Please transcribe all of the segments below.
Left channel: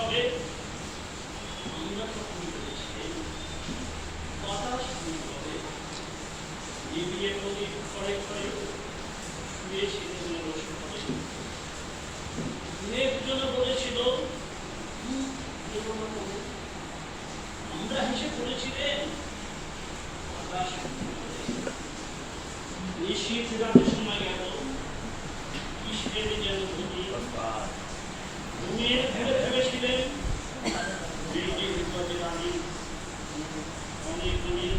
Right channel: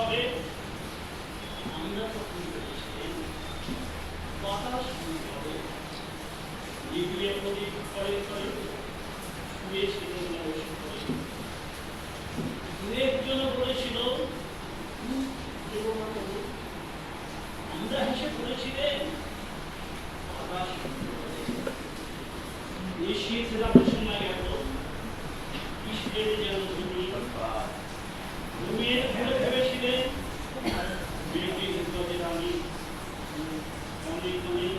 উৎসবে আমরা তখন বলেছিলেন বাতাস হবে নিবিয়ে প্রদীপ ঘরে ঘরে শুয়েছিল একজন বলেছিল আমরা হেসে পড়েছিলেন বাতাস বেশি ফেরানোর সময় গেল কিসের যেন ধুমি ঘুমিয়ে ভেবেছিলেন বেটির উপরে আমি অনেক অনেক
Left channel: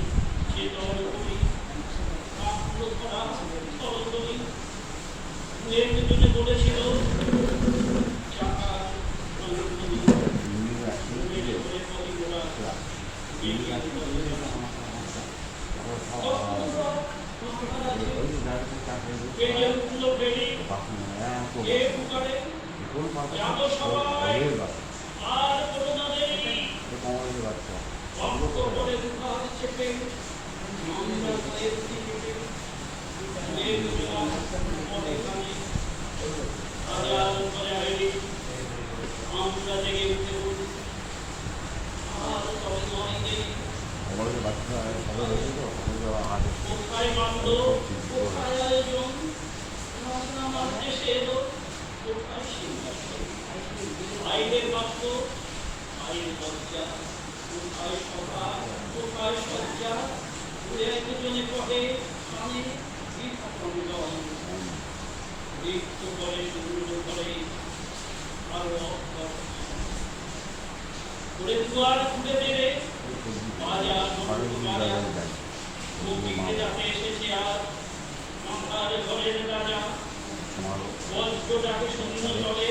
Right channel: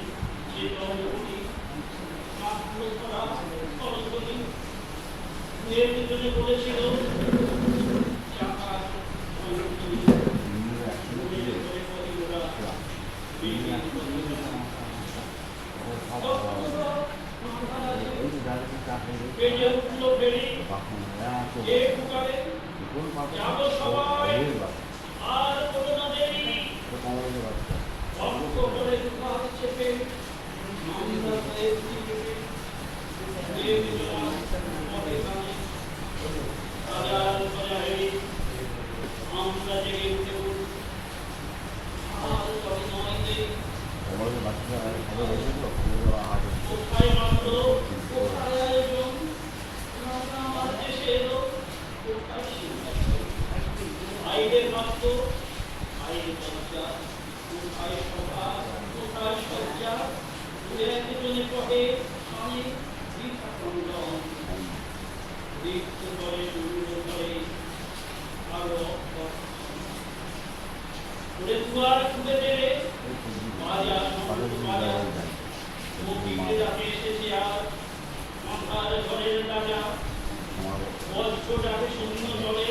চেতন করি কাপড় করা সরল করি এর পিছনে বলেছিল চাকা যাবো সবাই আর কোনো না দেরি অল্প করে দুঃখ চেপে আমরা এর দিকে আমরা জেগে উঠে আর নয় দেরি কোথায় মানল কোথায় আয়োজন আমার দেশে এলো কোথায় সিংহাসন বাইরে বাক্য বাইরে লজ্জা কোথায় সভা কোথায় সজ্জা একজনে কহে আমি বৃথা ক্রন্দন রিক্ত করে দূর করে আরো করে দুয়ার খুলে দেবে বাজার বাজার মুক্তিতে যাতে এসেছে আর মাথার ঘরের রাজা বজ্রটাকে শূন্য জলে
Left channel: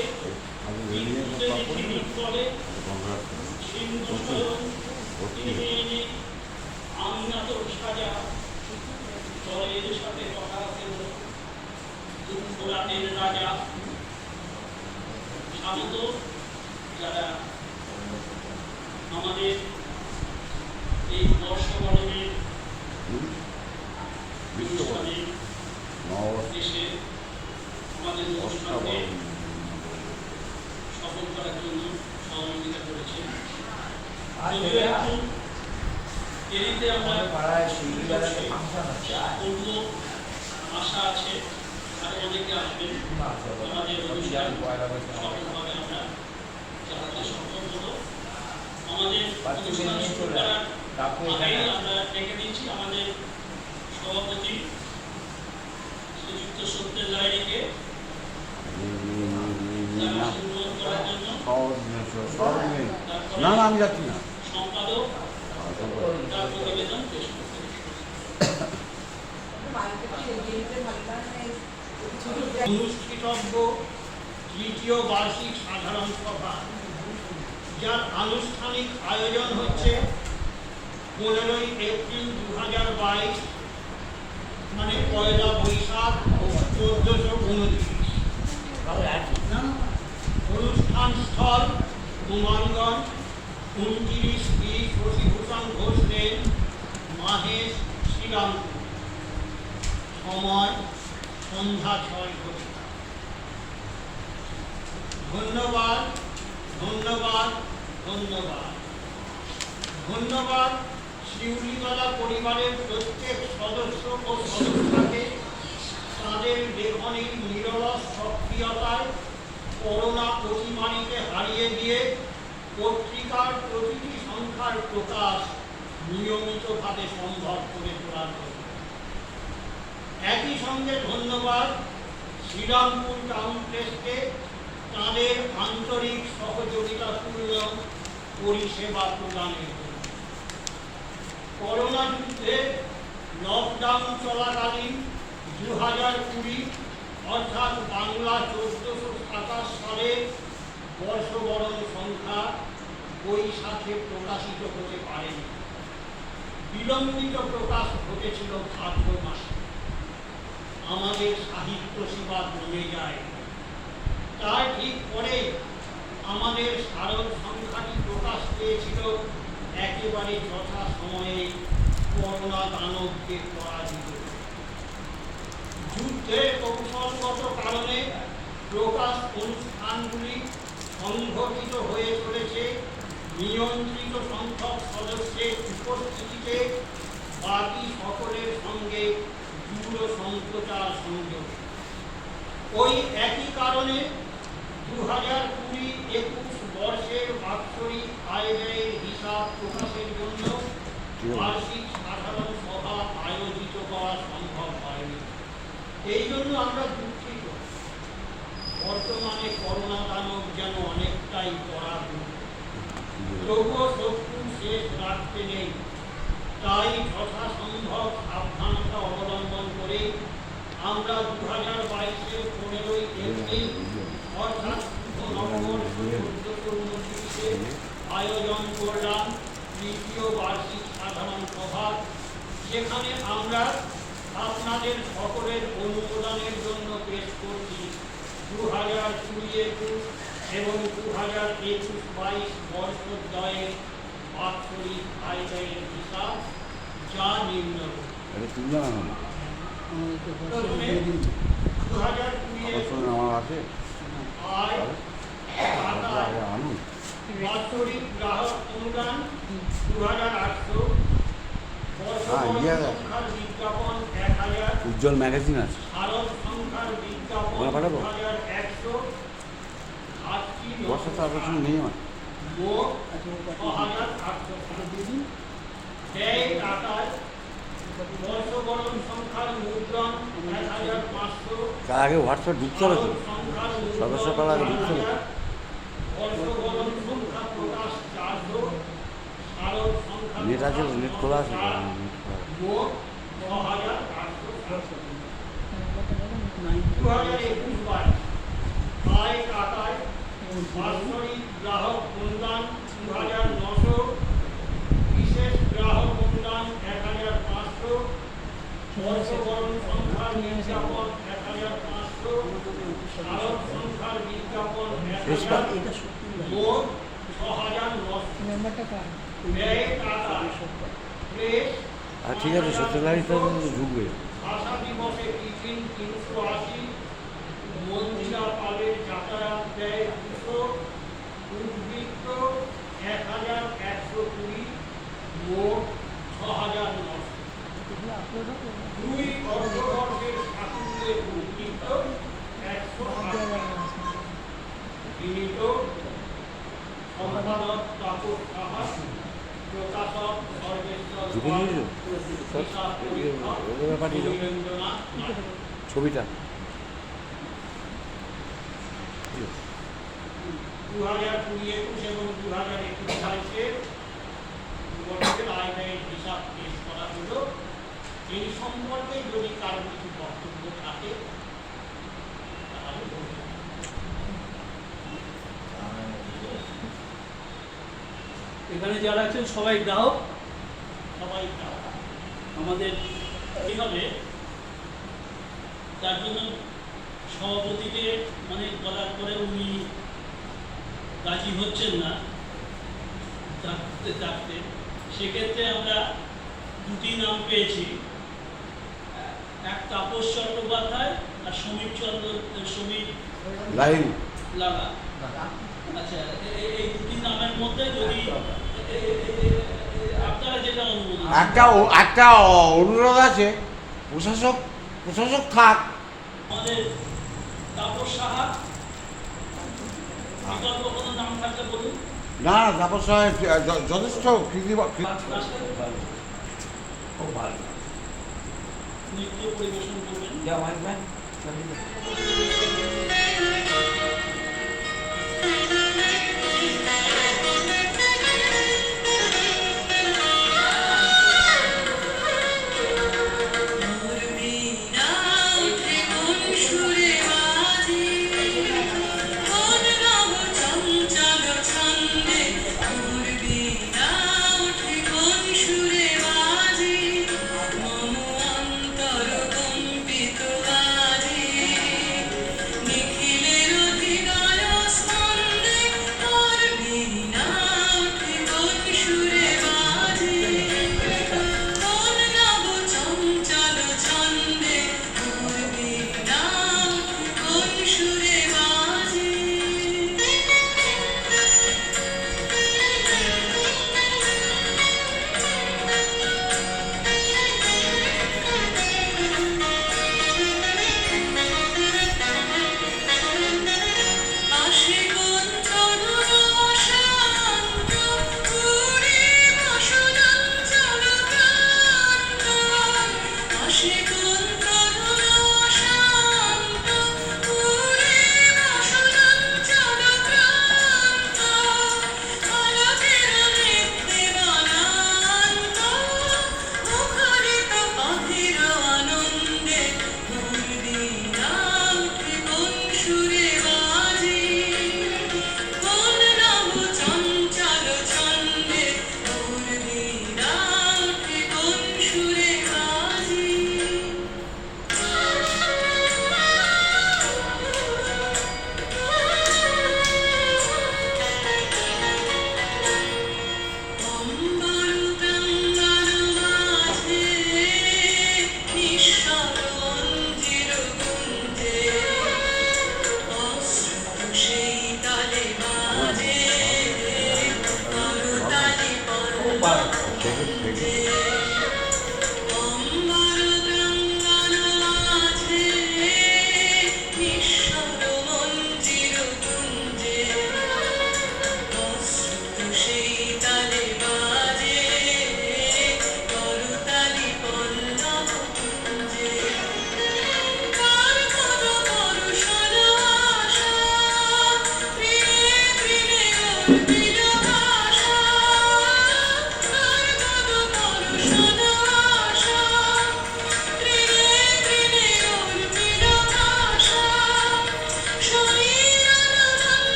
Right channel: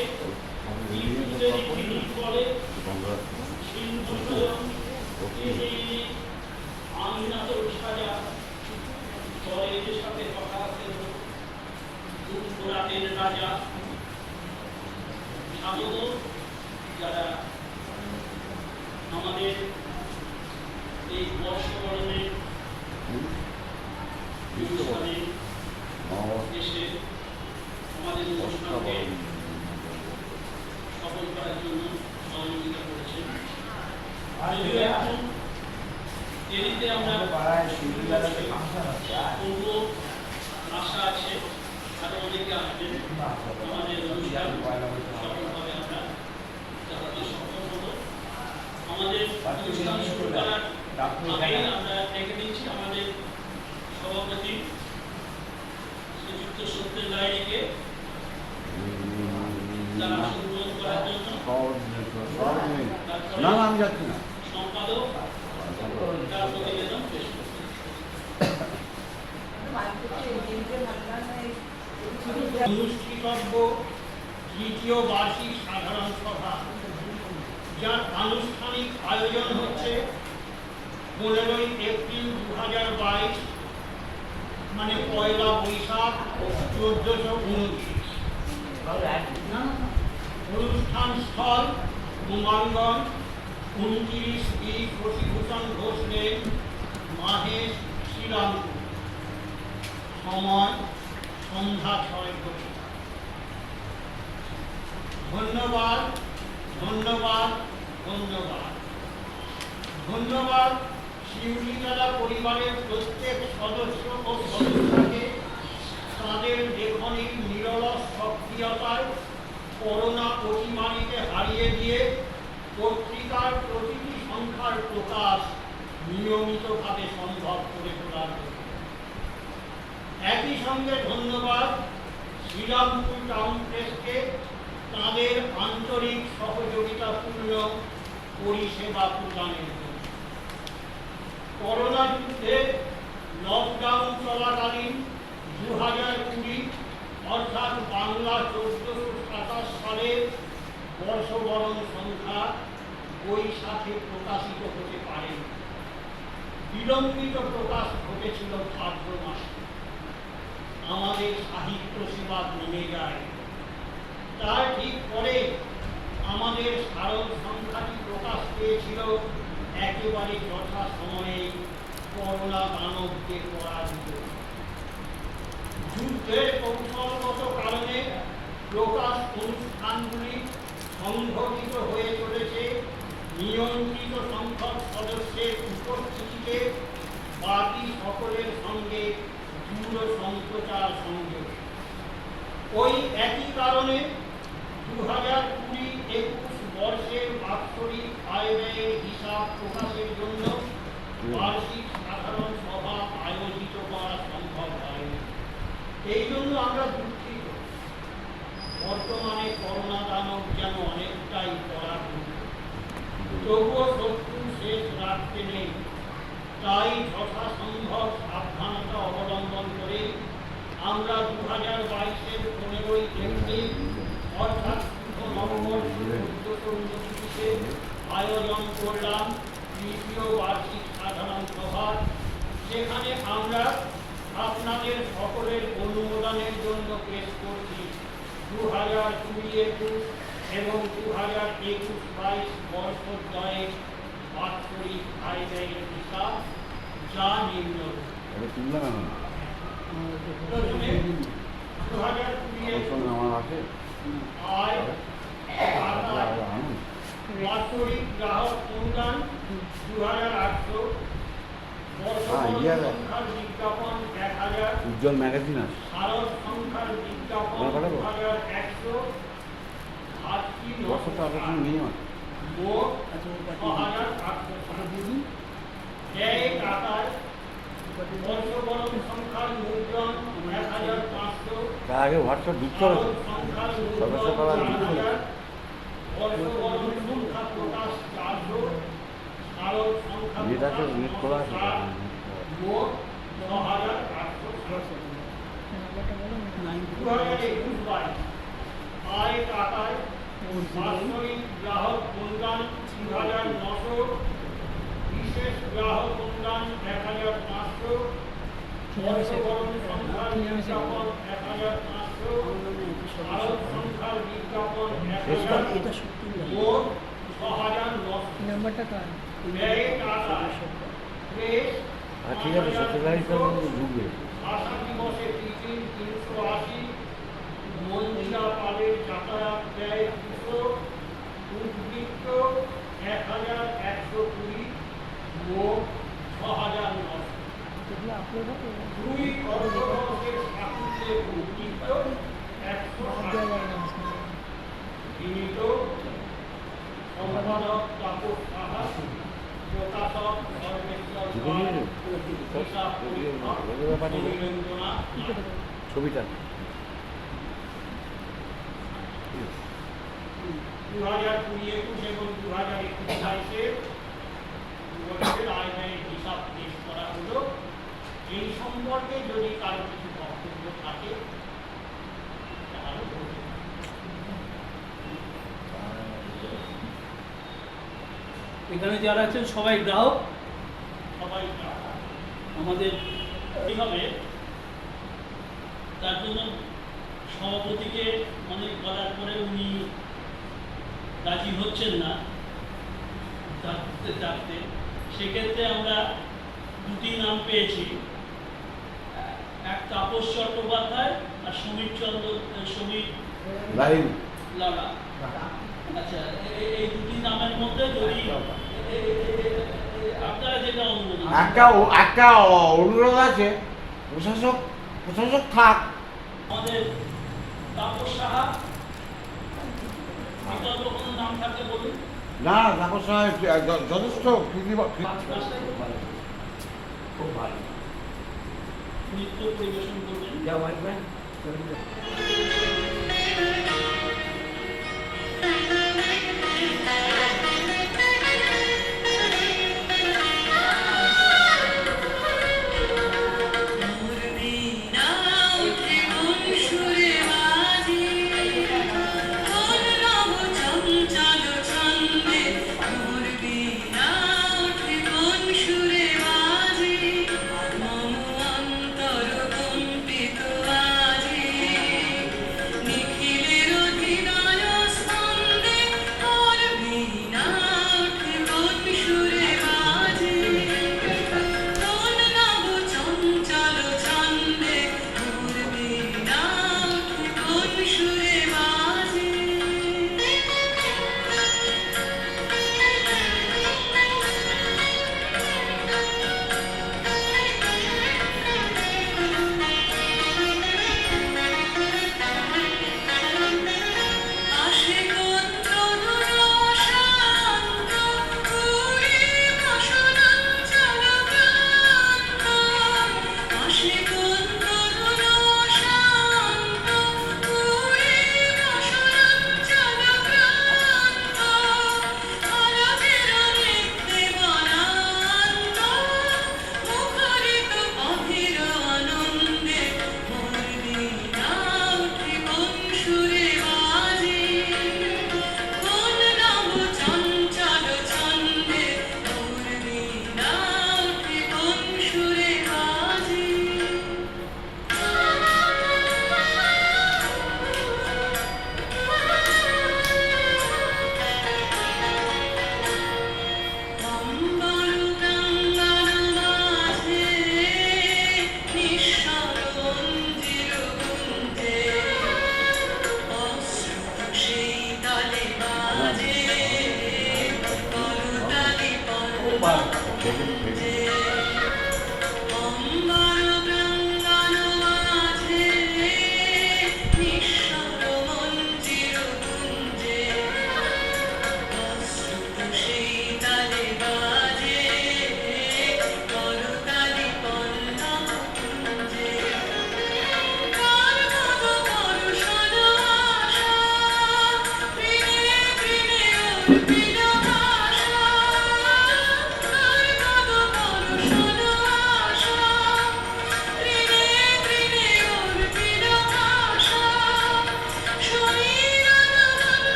বিদ্যুতের ঝিনিক বলে সিন্ধু স্বয়ং আমিনা তোর সাজা ঘরের সাথে কথা কেউ দুপুরাতের রাজা স্বাগত যারা আমাদের এই বর্ষবরণের অনুষ্ঠানে এসে আমাদের অনুষ্ঠানকে সফল করার জন্য সহযোগিতা করেছেন যদিও এখন দেরিতে আমরা করব আশা আছে আরো অনেকে আসবেন আমাদের অনুষ্ঠান সফলভাবে আমরা চালাতে সক্ষম হবো আমাদের অনুষ্ঠান শুরু করার আগেই আমরা ডেকে দিচ্ছি আমাদের সভাপতি শ্রীযুক্ত সত্যেন লাহিড়ীকে করার জন্য সম্পাদক তার প্রতিবেদন পেশ অনুষ্ঠিতব্য তৃতীয় বার্ষিক সাধারণ সভা যার আনুষ্ঠানিক আয়োজন হচ্ছে 15ই এপ্রিল 2022 মানে পয়লা বৈশাখ 1429 অনুষ্ঠান স্থল কুমারগঞ্জ 29 বি শশীভূষণ ঘোষ লেন মাহেশ শ্রীরামপুর সময় সন্ধ্যা 6 ঘটিকা ধন্যবাদ ধন্যবাদ ধন্যবাদ ধন্যবাদ শিউলিতলা পরিবারের প্রত্যেক সদস্য ও সদস্যকে তাদের লেখনীর নিরলস সক্রিয়তায় করোনা অতিমারিকে হারিয়ে দিয়ে পত্রিকার প্রতিটি সংখ্যার প্রকাশ নিয়মিতভাবে সম্ভব করে তোলার জন্য একই সঙ্গে ধন্যবাদ শ্রীরামপুর টাউন প্রেসকে তাদের আন্তরিক সহযোগিতাপূর্ণ পরিষেবা প্রদানের জন্য করোনা যুদ্ধে লকডাউন চলাকালীন 2020 অর্থাৎ বাংলা 1427 সালের বর্ষবরণ সংখ্যা বৈশাখে প্রকাশিত হতে পারেনি বিলম্বিত প্রকাশ ঘটেছিল ভাদ্র মাসে আমাদের সাহিত্য সেবা কমে যায় তার ঠিক পরে আমাদের স্মারক সংখ্যাটি প্রকাশ পেয়েছিল একেবারে যথা সময়ে করোনা দানবকে পরাজিত যুদ্ধের কৌশলগত কারণে প্রকাশ অনুষ্ঠানগুলি সংগঠিত হয়ে চলেছে নিয়ন্ত্রিত সংখ্যক সদস্যের উপস্থিতিতে বাকি সকলের সঙ্গে দৃঢ় সম্প্রচার সংযোগ। ওই একই কারণে 2020-21 বর্ষের বাৎসরিক আয় ব্যয়ের হিসাব প্রকাশের জন্য বার্ষিক সাধারণ সভা আয়োজিত করা সম্ভব হয়নি। এই জন্য আমরা দুঃখিত। বর্তমানে করোনা দানব যেন অনেকটাই পরাভূত, তবুও শত্রু শেষ রাখতে নেই। তাই যথাসম্ভব সাবধানতা অবলম্বন করে আমরা 2022-এর 15ই এপ্রিল অর্থাৎ নভেম্বর 1429-এ আয়োজন করলাম তৃতীয় বার্ষিক সাধারণ সভা, যেখানে আমরা আপনাদের সকলের অনুমোদনের জন্য পেশ করছি 2020-21 এবং 2021-22 বর্ষদ্বয়ের বাৎসরিক আয় ব্যয়ের হিসাব, যা নিম্নরূপ। প্রথমে 2020 আয় আদায় বাৎসরিক গ্রাহক অনুদান 2800, বর্ষবরণ সংখ্যার বিজ্ঞাপন 1000, উজ্জ্বল ম্যাগাজিন আছে, শারদ সংখ্যার বিজ্ঞাপন 2100, ঘাটতি মোট 6800, ব্যয় টাকায় বর্ষবরণ সংখ্যার মুদ্রণ 1500, তার আগে হোয়াটসঅ্যাপ ঢুকতে হবে, সংখ্যার সদস্য করা ঢুকতে হবে। বর্ষবরণ সংখ্যা প্রকাশ 400, শারদ সংখ্যা নেট আছে, নেট খোলা আছে। মোট 6800। 2021-22 আয় টাকায় বাৎসরিক গ্রাহক অনুদান 2900, বিশেষ গ্রাহক অনুদান 1500, বর্ষবরণ সংখ্যার বিজ্ঞাপন 1500, শারদ সংখ্যার বিজ্ঞাপন 1000, মোট 6900। ব্যয় টাকায় প্রেস ঠিক আছে, সত্যি তো ঢুকবে। ভাষা দিবসে টিফিন 380, মন্দিরা পালের যাতায়াত ব্যয় 200, উদ্বৃত্ত 1120, মোট 6900। 2 অর্থবর্ষের সাফল্যে উদ্বৃত্ত 180। বিনীত সম্পাদক তাপস সাহা, প্রকাশক সর্বেশ্বর পাল, হিসাব পরীক্ষক অভিনন্দনা। ছবিটা 2020-21 এবং 2021-22 বছরের আয় ব্যয়ের হিসাব পেশ করা হলো। এই সম্পর্কে যদি কারো কিছু বক্তব্য থাকে তাহলে বলুন। এখানে যারা আছেন সবাই গ্রাহক, সবাই গ্রাহক। আমাদের এইভাবে তার জন্য সভাপতিকে অনেক বলার পরে উনি রাজি হচ্ছেন না থাকতে। সেক্ষেত্রে আমরা দুটি নাম পেয়েছি, এক তাপস চট্টোপাধ্যায় আর সমীর লাগা। আচ্ছা, এই দুটি নামের মধ্যে যদি আপনারা যেটা অনুমোদন, একটা অনুরোধ আছে, প্রশাসক থাক। আমাদের তাপস সাহা, বিকল্প কোনো নাম থাকলে বলুন। না, তাপস যথেষ্ট খুব ভালো নৃত্য পরিবেশন করবেন। মন অন্তর কম্পিত বাজে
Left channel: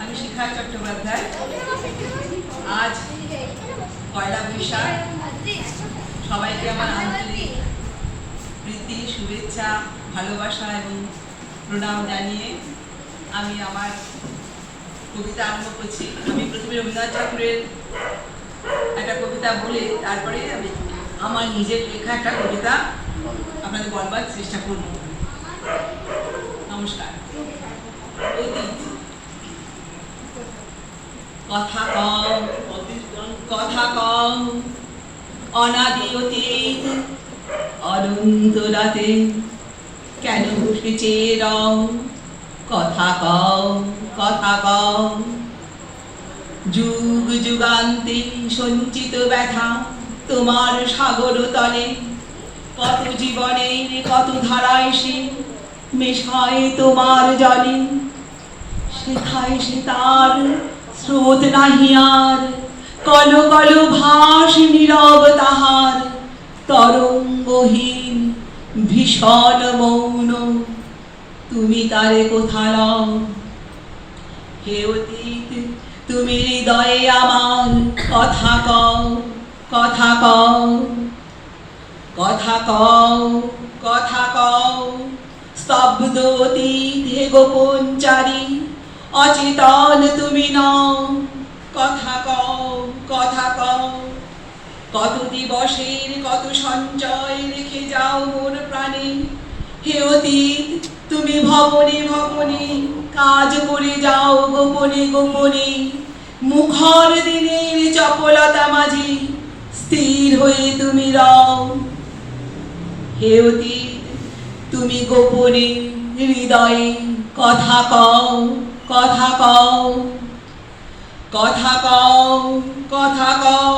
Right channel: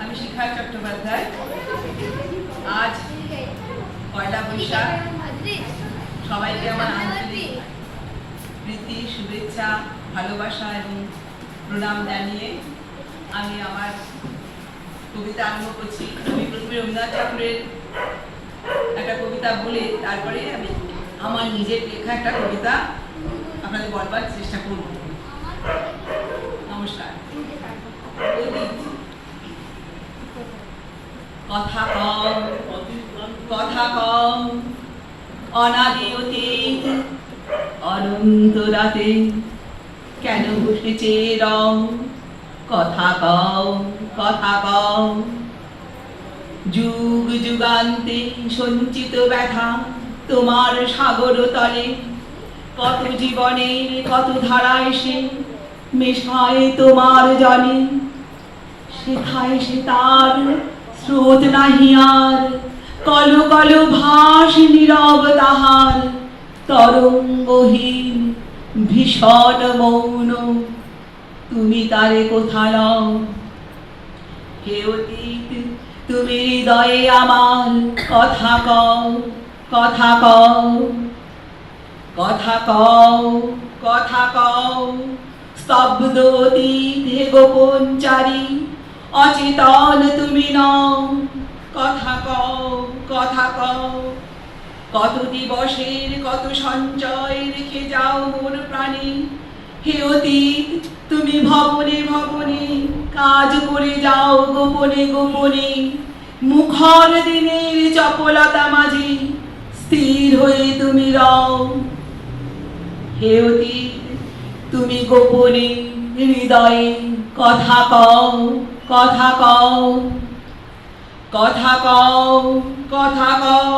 আমি শিখা চট্টোপাধ্যায়। আজ পয়লা বৈশাখ, সবাইকে আমার আন্তরিক প্রীতি, শুভেচ্ছা, ভালোবাসা এবং প্রণাম জানিয়ে আমি আমার কবিতা আরম্ভ করছি। আমি প্রথমে রবীন্দ্রনাথ ঠাকুরের একটা কবিতা বলে তারপরে আমি আমার নিজের লেখা একটা কবিতা আপনাদের বলবার চেষ্টা করব। নমস্কার। কথা কও, কথা কও, অনাদি অতীত অনন্ত রাতে কেন উঠেছে রং? কথা কও, কথা কও, যুগ যুগান্তে সঞ্চিত ব্যথা তোমার সাগর তলে, কত জীবনের কত ধারা এসে মেশায় তোমার জলে, শেখায় সে তার স্রোত নাহি আর, কল কল ভাস নীরব তাহার, তরঙ্গহীন ভীষণ মৌন, তুমি তারে কোথা লও? হে অতীত তুমি হৃদয়ে আমার, কথা কও, কথা কও, কথা কও, কথা কও, স্তব্ধ অতীত হে গোপন চারি, অচেতন তুমি নও, কথা কও, কথা কও, কত দিবসের কত সঞ্চয় রেখে যাও মোর প্রাণে, হে অতীত তুমি ভবনে ভবনে কাজ করে যাও গোপনে গোপনে, মুখর দিনের চপলতা মাঝে স্থির হয়ে তুমি রও, হে অতীত তুমি গোপনে হৃদয়ে কথা কও, কথা কও, কথা কও, কথা কও,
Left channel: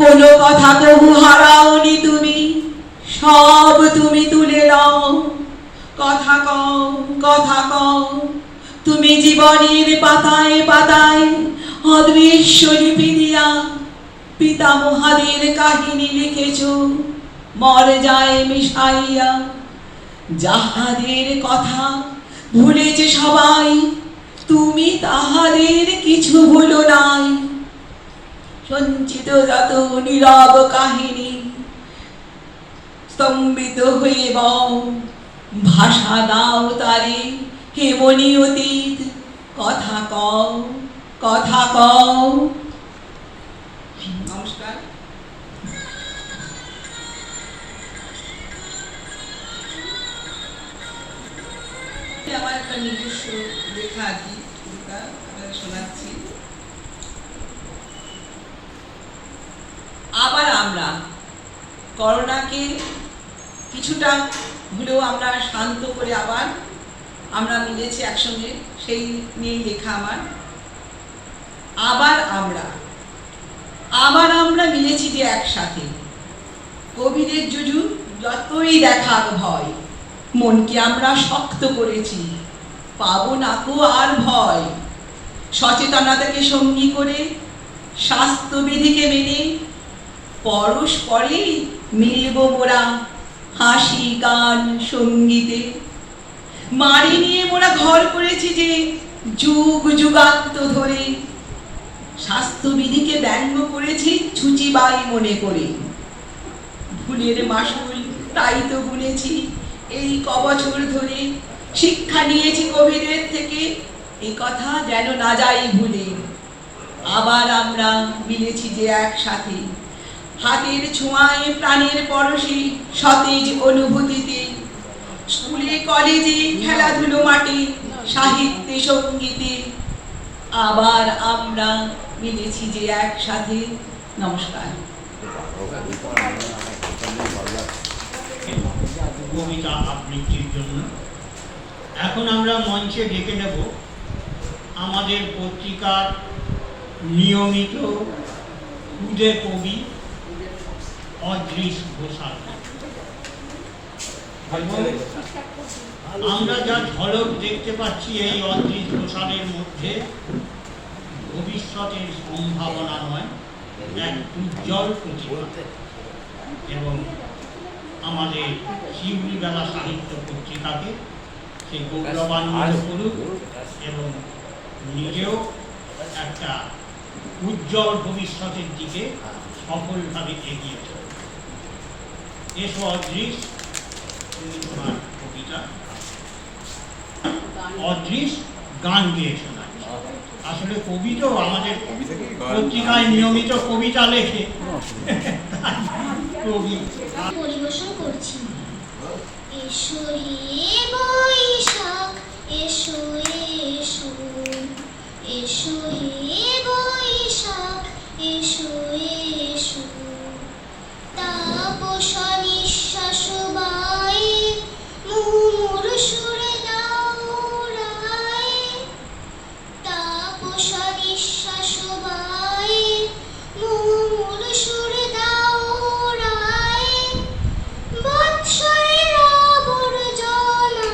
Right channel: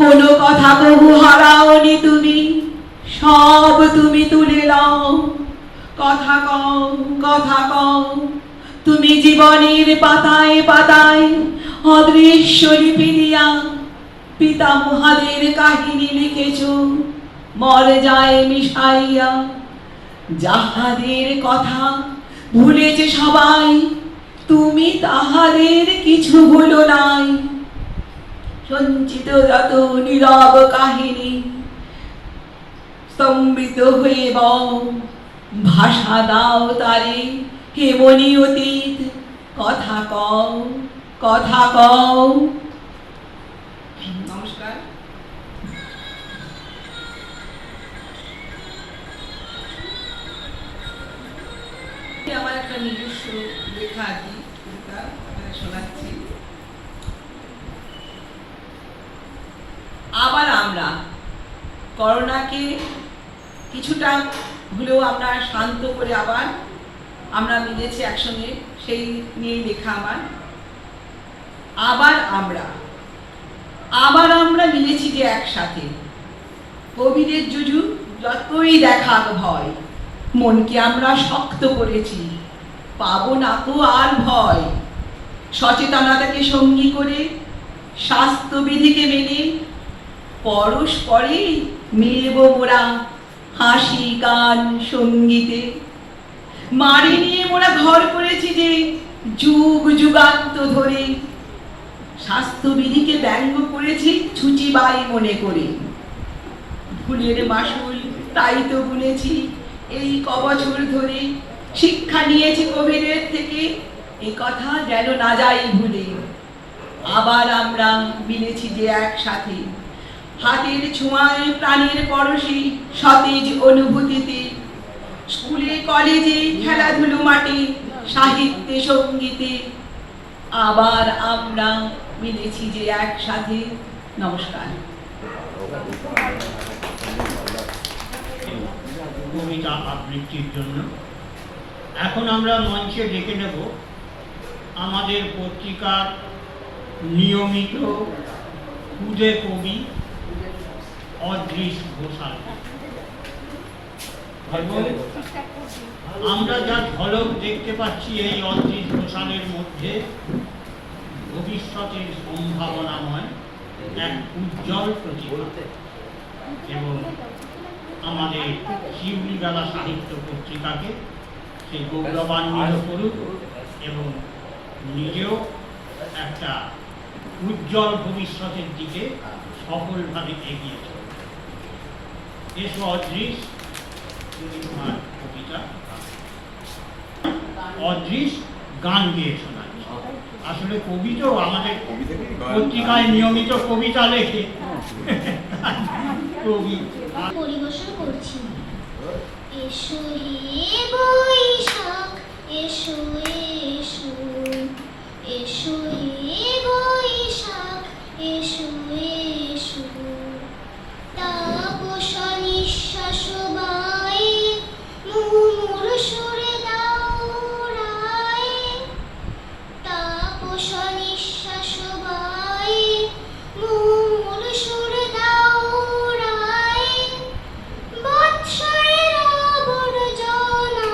কোনো কথা কবু হারাওনি তুমি, সব তুমি তুলে নাও, কথা কও, কথা কও, তুমি জীবনের পাতায় পাতায় অদৃশ্য লিপি দিয়া পিতামহাদের কাহিনী লিখেছ মরে যায় মিশাইয়া, যাহাদের কথা ভুলেছে সবাই তুমি তাহাদের কিছু ভুলো নাই, সঞ্চিত যত নীরব কাহিনী স্তম্ভিত হয়ে বও, ভাষা দাও তারে, হে মনি অতীত, কথা কও, কথা কও। নমস্কার। আমার একটা নিজস্ব লেখা আছে, কবিতা আপনাদের শোনাচ্ছি। আবার আমরা করোনাকে কিছুটা হলেও আমরা শান্ত করে আবার আমরা মিলেছি একসঙ্গে, সেই নিয়েই লেখা আমার। আবার আমরা মিলেছি যে একসাথে, কোভিডের যুযু যতই দেখাক ভয়, মনকে আমরা শক্ত করেছি, পাবো না কো আর ভয়। সচেতনতাকে সঙ্গী করে, স্বাস্থ্যবিধিকে মেনে, পরস্পরেই মিলব মোরা হাসি গান সঙ্গীতে। মারি নিয়ে মোরা ঘর করেছি যে যুগ যুগান্ত ধরে, স্বাস্থ্যবিধিকে ব্যঙ্গ করেছি ছুচিবাই মনে করে। ভুলের মাসুল তাই তো গুনেছি এই কবছর ধরে, শিক্ষা নিয়েছি কোভিডের থেকে, এ কথা যেন না যাই ভুলে। আবার আমরা মিলেছি যে একসাথে, হাতের ছোঁয়ায় প্রাণের পরশে সতেজ অনুভূতিতে। স্কুলে কলেজে খেলাধুলো মাঠে, সাহিত্যে সঙ্গীতে, আবার আমরা মিলেছি যে একসাথে। নমস্কার। কবিতা আবৃত্তির জন্য এখন আমরা মঞ্চে ডেকে নেব আমাদের পত্রিকার নিয়মিত খুদে কবি অদৃশ ঘোষাল। আমরা যা ঝলক দেখতে পাচ্ছি এই অদৃশ ঘোষালের মধ্যে ভবিষ্যতের সম্ভাবনাময় এক উজ্জ্বল প্রতিভা, এবং আমাদের শিউলিবেলা সাহিত্য পত্রিকাকে সেই গৌরবান্বিত করুক এবং নিজেও একটা উজ্জ্বল ভবিষ্যতের দিকে সফলভাবে এগিয়ে চলবে। এসো অদৃশ, তুমি তোমার কবিতা। অদৃশ গান গিয়ে শোনাচ্ছে। আসলে কবি তো আমাদের পত্রিকায় নিয়মিত কবিতা লেখে, কবি পরিবেশন করছি। এসো হে বৈশাখ, এসো এসো, এসো হে বৈশাখ, এসো এসো। তাপস নিঃশ্বাস বায়ে মুমুর সুরে দাউড়ায়, তাপস নিঃশ্বাস বায়ে মুমুর সুরে দাউড়ায়। বৎসরের আবর্জনা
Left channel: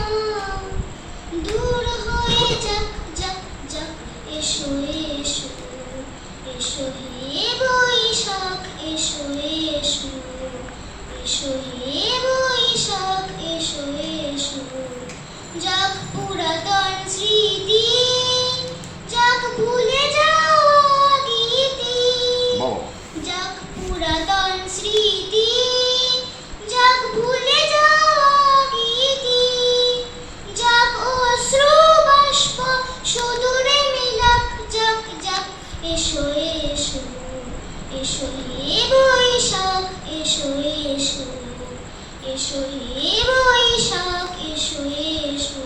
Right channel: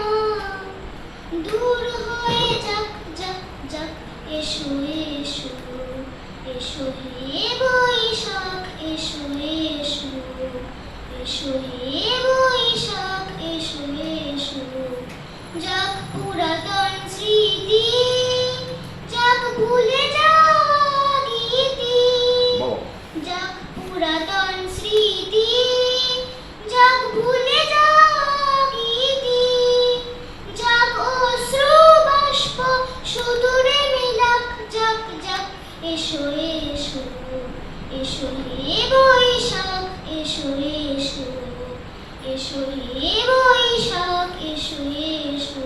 দূর হয়ে যাক যাক যাক, এসো এসো, এসো হে বৈশাখ, এসো এসো, এসো হে বৈশাখ, এসো এসো। যাক পুরাতন স্মৃতি, যাক ভুলে যাওয়া গীতি, যাক পুরাতন স্মৃতি, যাক ভুলে যাওয়া গীতি, যাক অশ্রু বাষ্প সুদূরে মিলাক যাক যাক, এসো এসো, এসো হে বৈশাখ, এসো এসো, এসো হে বৈশাখ, এসো এসো।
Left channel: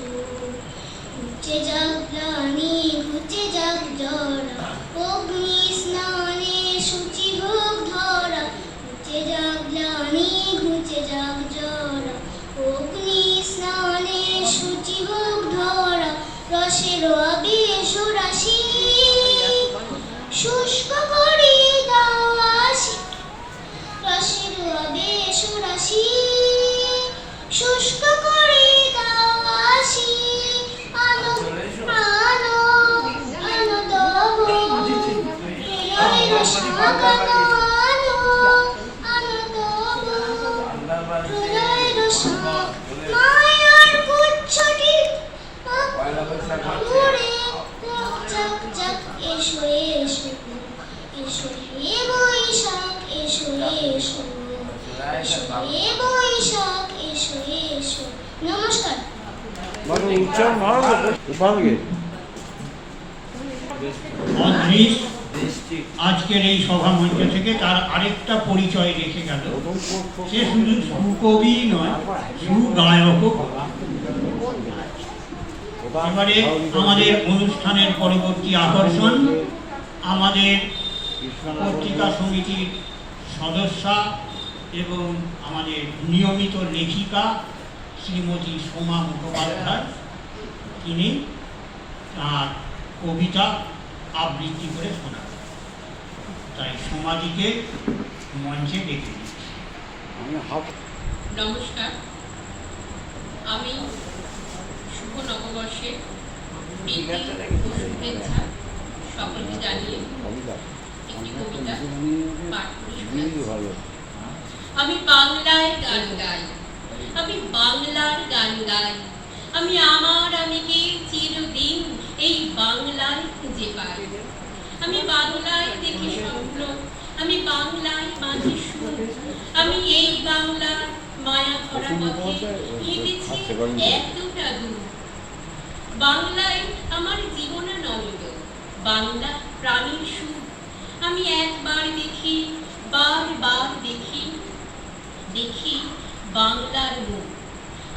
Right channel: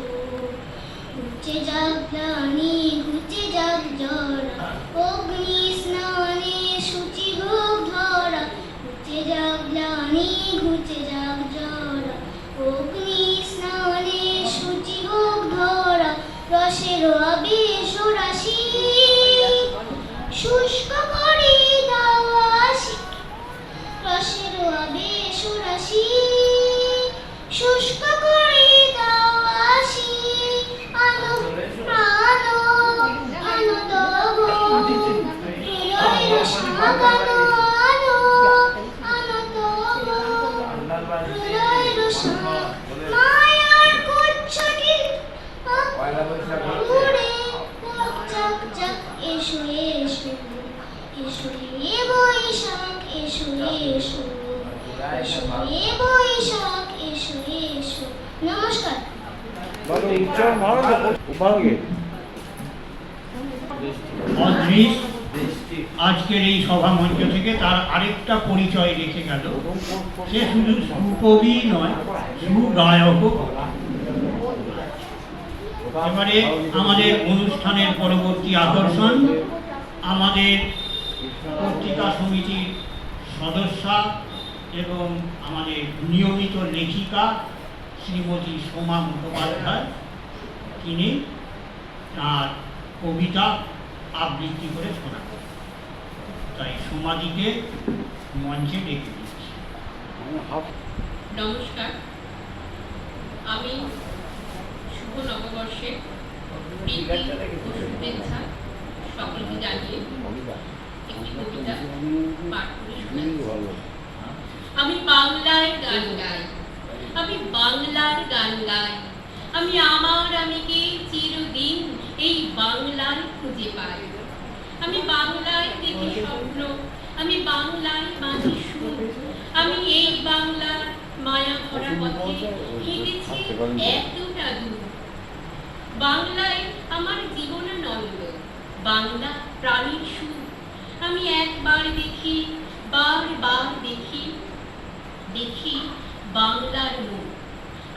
ঘুচে যাক গ্লানি, ঘুচে যাক জরা, অগ্নি স্নানে সূচি হোক ধরা। ঘুচে যাক গ্লানি, ঘুচে যাক জরা, অগ্নি স্নানে সূচি হোক ধরা। রসের আবেশ রাশি শুষ্ক করে দাও আসি, রসের আবেশ রাশি শুষ্ক করে দাও আসি। আনো আনো আনো তব হৃদয়ের সাগানো, আনো আনো তব হৃদয়ের সাগ। মায়ার কুচ্ছটি ঘুরে যাক যাক, এসো এসো, এসো হে বৈশাখ, এসো এসো, এসো হে বৈশাখ। বৈশাখ এসো এসো। নমস্কার। মানে উচ্চারণ ভালো তো উপাগে অদ্রিস আজকের এই সভা মঞ্চ থেকে তার আরেকটা পরিচয় রেখে গেল, সে শুধু সুকবি নয়, সুগায়কও। এবারে আমাদের অনুষ্ঠানের পরবর্তী আকর্ষণ আমাদের পত্রিকা সমিতির সদস্যা এবং আমাদের নিয়মিত লেখিকা শ্রীমতী সোমা মুখোপাধ্যায়। তিনি তার কবিতা আবৃত্তি করে শোনাবেন। তাই সোমাদিকে মঞ্চে ডেকে দিচ্ছি। নমস্কার, আমি শুভ নববর্ষের প্রীতি ও শুভেচ্ছা সকলকে জানিয়ে একটি কবিতা পাঠ করে শোনাচ্ছি। আমি বাংলায় গান গাই, আমি বাংলার গান গাই, আমি আমার আমিকে চিরদিন এই বাংলায় খুঁজে পাই। আমি বাংলায় দেখি স্বপ্ন, আমি বাংলায় মাঝে সুর, আমি এই বাংলার মায়া ভরা পথে হেঁটেছি এতটা দূর। বাংলায় আমার জীবনানন্দ, বাংলা প্রাণীর সুর। আমি একবার দেখি, বারবার দেখি, দেখি বাংলার মুখ।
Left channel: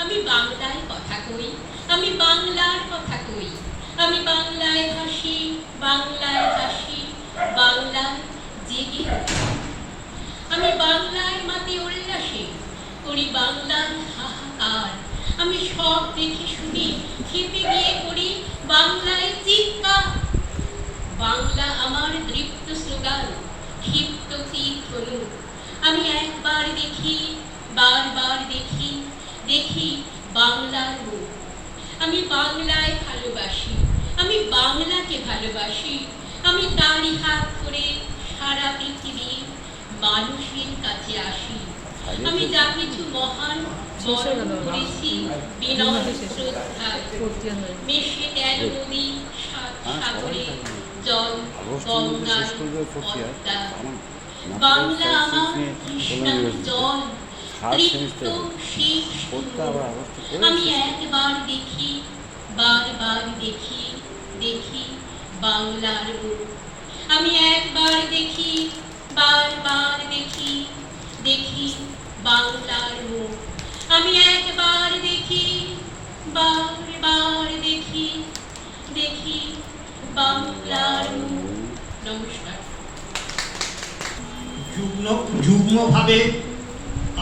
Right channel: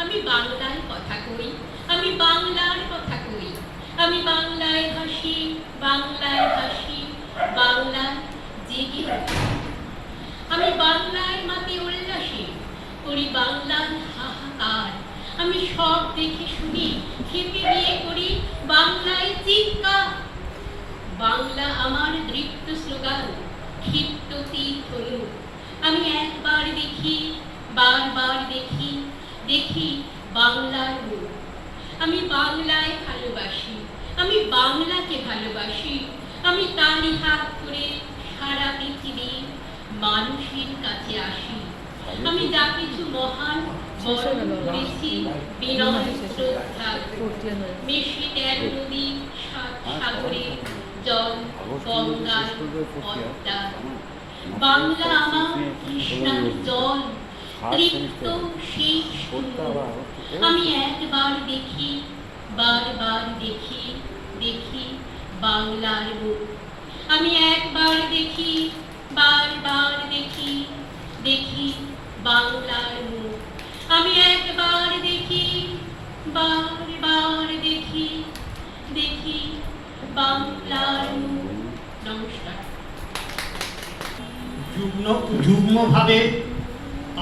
আমি বাংলায় কথা কই, আমি বাংলার কথা কই, আমি বাংলায় হাসি, বাংলায় হাসি, বাংলায় জেগে উঠি। আমি বাংলায় মাতে উল্লাসে করি বাংলার হাহাকার। আমি সব দেখে শুনি খেপে গিয়ে করি বাংলায় চিৎকার। বাংলা আমার দৃপ্ত স্লোগান, ক্ষিপ্ত তীর ধনুক। আমি একবার দেখি, বারবার দেখি, দেখি বাংলার মুখ। আমি বাংলায় ভালোবাসি, আমি বাংলাকে ভালোবাসি, আমি তারই হাত করে সারা পৃথিবীর মানুষের কাছে আসি। আমি যা কিছু মহান বরণ করেছি বিনয় শ্রদ্ধায়, মেশে 13 নদী 7 সাগরে জল গঙ্গায় পদ্মা। বাংলা আমার কৃষ্ণার জল, তৃপ্ত শীষ। আমি একবার দেখি, বারবার দেখি, দেখি বাংলার মুখ। আমি একবার দেখি, বারবার দেখি, দেখি বাংলার মুখ। আমি একবার দেখি, বারবার দেখি, দেখি বাংলার মুখ। নমস্কার। যুগ্মভাবে